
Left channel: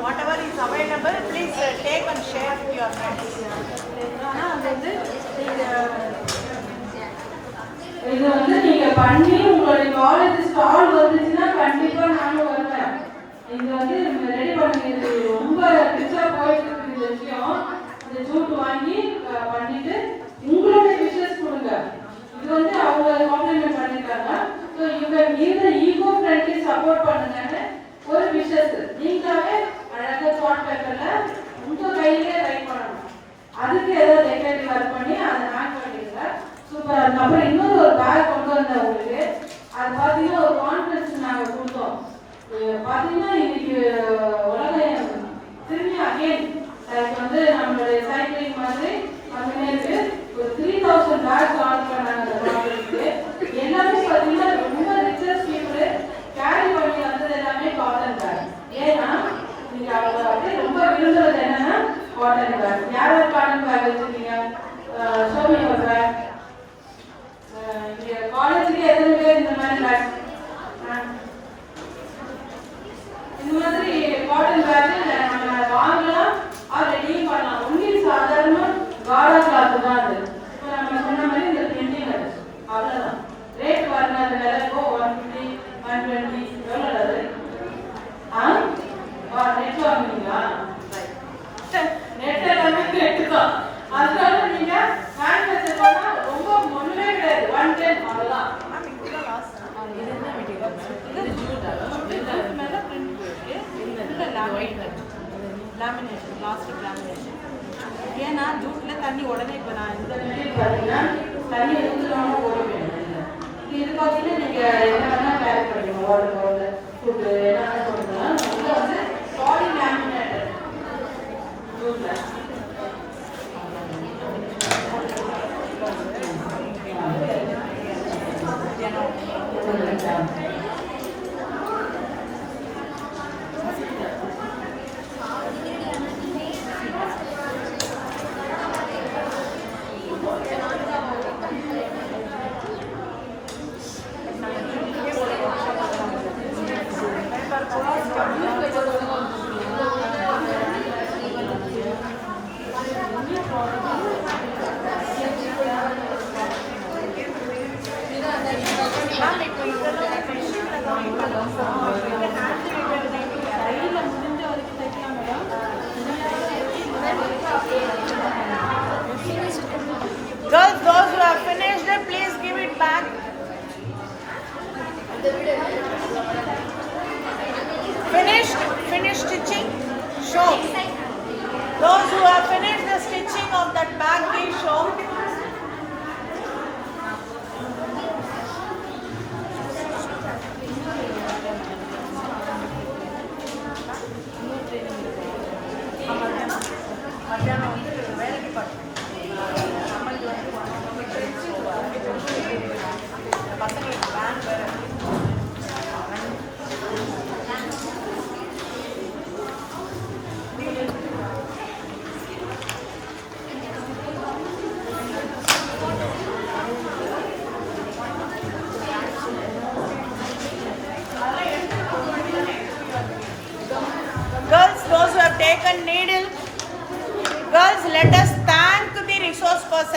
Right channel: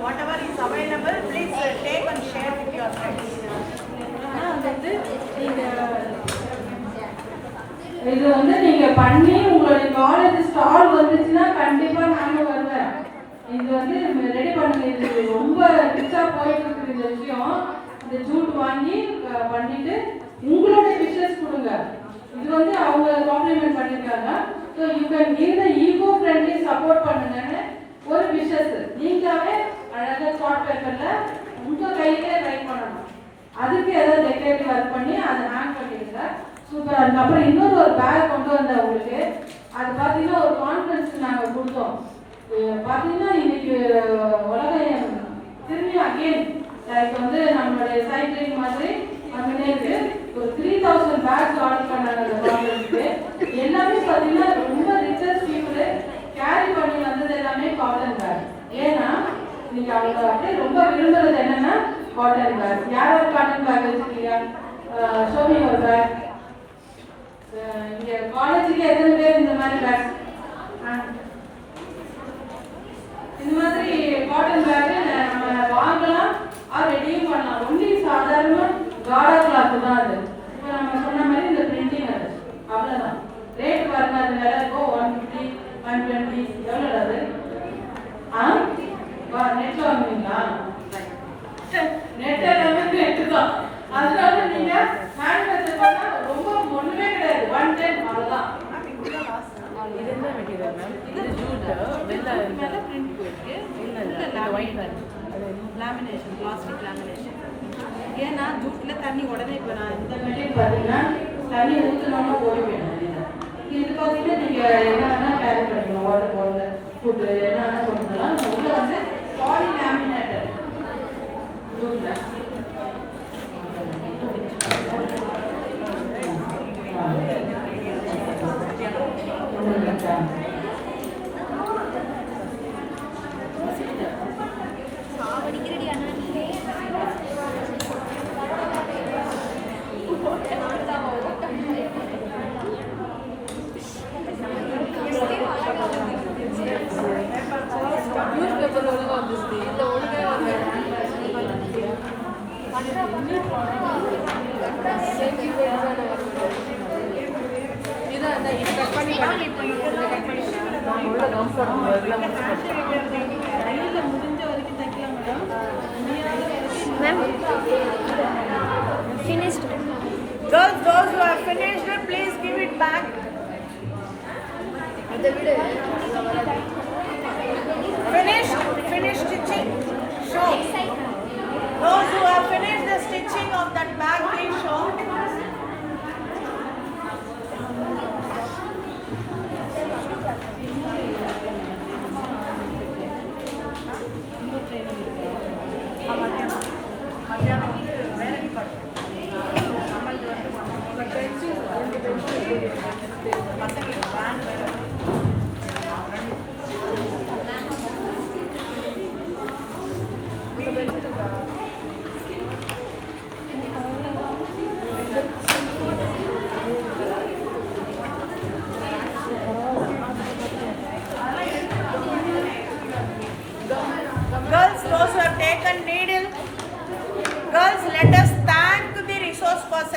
Whatever is available, please take and share with your friends. இது வந்து நீங்க பண்ணி உங்களுடைய காலேஜ் ஸ்டால் வந்துச்சுன்னா கண்டிப்பா நானும் வருவேன். இது வந்து ரெடி பண்ணுங்க. இது ரொம்ப ரிச்சா போயிட்டு இருக்கு இந்த விஷயம். இந்த ஜூட் வாங்கி பண்ணிட்டு உங்களுடைய விஷஸ் கொடுங்க. இது வந்து அவங்க காம்ப்ளிமெண்ட் பண்ணிருக்காங்க. So you can give the eco friendly support பண்ணுங்கன்னு ஒரு விஷஸ் நீங்களாவே அழகாக சார்ட் பேப்பர்ல உங்க கையிலே ரைட் பண்ணணும். அதுக்கு ஏதாவது டெக்கரேட்டிவ் ஒர்க் பண்ணி அதை ஹேங் பண்ணிடுங்க. சூப்பராக இருக்கும். அப்புறம் இன்னொரு ஒரு பேக் கொண்டு வந்தேன் உங்களுக்கு. அது பார்த்தீங்கன்னா ஒரு கான்ஃபரன்ஸ் நாங்கள் கொடுத்தோம். பார்த்தீங்கன்னா இன்னைக்கு உலகம் திரும்பி அகெயின் வந்து நம்மளுடைய சைக்கிளிங் மாதிரி அப்படின்னே இருக்கு. ஒரு 3000 பேக்ஸ் ஆர்டர் பண்ணாங்க அந்த கான்ஃபரன்ஸ்க்கு. எல்லாமே பார்த்தீங்கன்னா ரொம்ப ரிச்சர்ஸ் பீப்புள் கேரி பண்ணி வந்தது எல்லாமே காட்டன் பேக். ஏன்னா இன்னைக்கு அவங்க அப்படியே ரொம்ப விரும்புறது என்னன்னா காட்டன் பேக். யார் காட்டன் பேக் வச்சுருக்கீங்க? ஷோமி ஒரு பேக். நீங்க காலேஜுக்கு எத்தனை பேர் இந்த மாதிரி பேக் இந்த மாதிரி காட்டன் பேக் நம்ம வாங்கலாம், ரெடியும் பண்ணலாம். ஒன்லி சாதாரண காடா கிளாத் தான் அது. இப்போ நம்ம சொன்ன மாதிரி இந்த பிரிண்டிங் அது அவ்வளோதான். ரேட் பாருங்க, அது விலைக்கோ 150 120 எவ்வளோ அது? நெட்ல வாங்குவீங்களா? நெட் எல்லாமே நெட்டு தான். அதனால நீங்க ஹேண்ட் மெத்தட் பண்ணா ரொம்ப ஒண்ணுமே கிடையாது. 110 அவ்வளவுதான். இது என்ன மெட்டீரியல் மேம்? இது ஜூட் மேல பிரிண்ட் போயிருக்கு. இந்த ஒயிட் Lamination, plastic lamination. ஏன்னா ஜூட்ல தண்ணி உடனே இப்போ நான் இந்த மெட்டீரியல் பாத்தீங்கன்னா தண்ணி ஊத்துனாம போட வேண்டியது. இது பாத்தீங்கன்னா நீங்க என்ன வேணா கேரி பண்ணிக்கலாம். வாட்டர் பாட்டில், ஃபுட் என்ன வேணா கொடுக்கலாம். உள்ள வந்து பாலி லேமினேட்டட் ஜூட்ல முடிஞ்ச வரைக்கும் தைக்கலாம் madam. Girls, those who have finished it, please give it back. Finish stitching. Show. Those who have finished the stitching of that bag, please show. மத்தியானம் வந்து வேலை department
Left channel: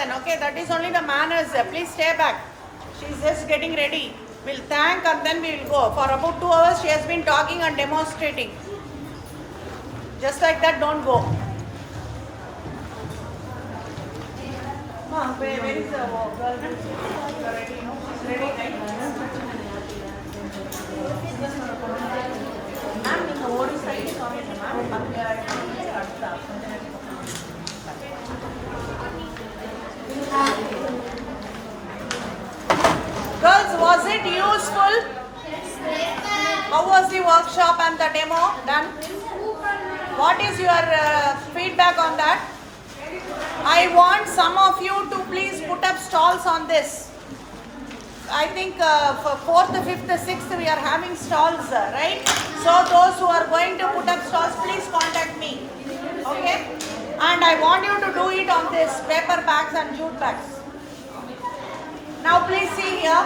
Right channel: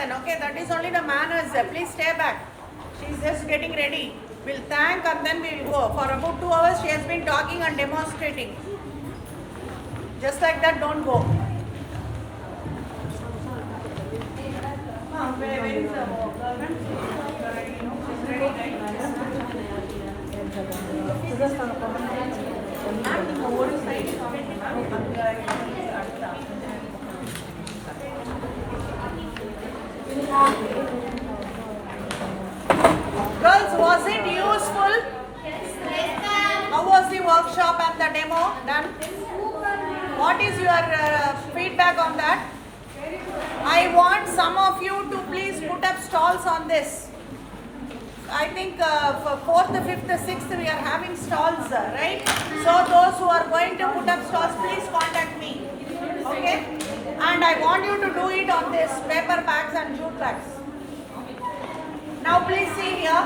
then. Okay, that is only the manners. Please stay back. She's just getting ready. We'll thank and then we'll go. For about 2 hours, she has been talking and demonstrating. Just like that, don't go. Where is the government? Girls, was it useful? How was the workshop and the demo done? What is your feedback on that? I want some of you to please put up stalls on this. I think for 4th, 5th, 6th we are having stalls, right? So those who are going to put up stalls, please contact me. Okay? And I want you to do it on this paper bags and jute bags. Now please see here.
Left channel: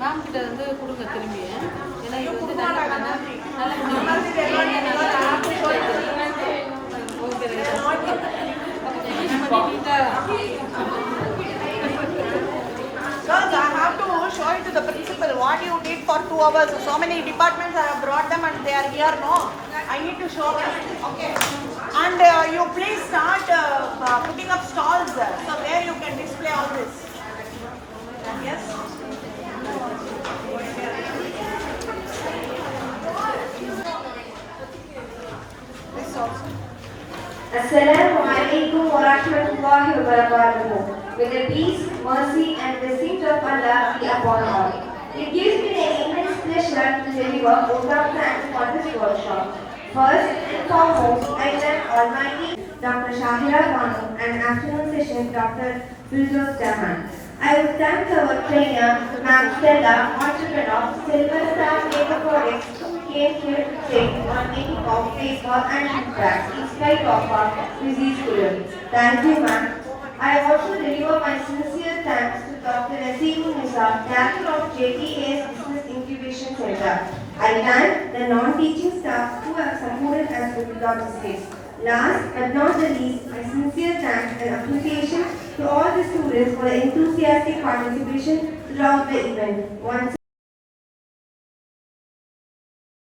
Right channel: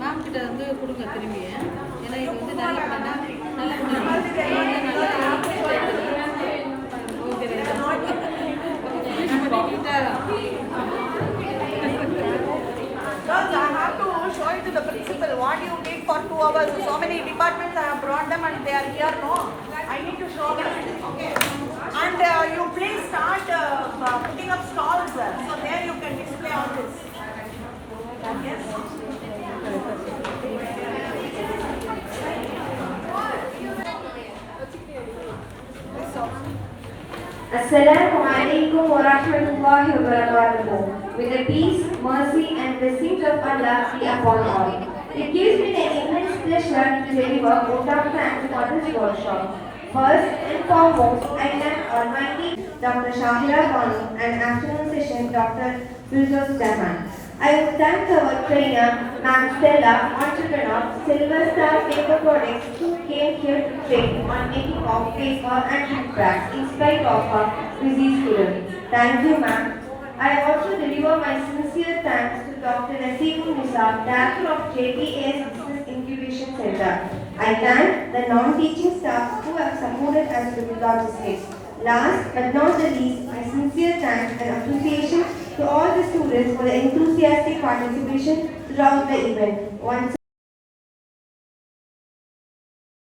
Ma'am கிட்ட வந்து கொடுங்க திரும்பி. ஏன்னா இது வந்து நல்ல Girls, I have to show it to the principal what you did for 2 hours. So many departments I have brought them and they are here. No, I need to show them. Okay. And you please start putting up stalls. So there you can display all this. Yes. Assalamu alaikum wa rahmatullahi wa barakatuh. With the peace, mercy and blessings of Allah be upon all. It gives me the immense pleasure to deliver vote of thanks on this workshop. First and foremost, I thank Almighty Dr. Shahira Banu and afternoon session Dr. Firdaus Jahan. I would thank our trainer, Ma'am Stella, entrepreneur, Silver Star Paper Products, who came here to train on making of paper and jute bags in spite of our busy schedule. Thank you, ma'am. I also deliver my sincere thanks to Dr. Naseemul Nisa, Director of JPAS Business Incubation Center. I thank the non-teaching staff who have supported us with logistics. Last but not the least, my sincere thanks and appreciation to all the students for the enthusiastic participation throughout the event. Once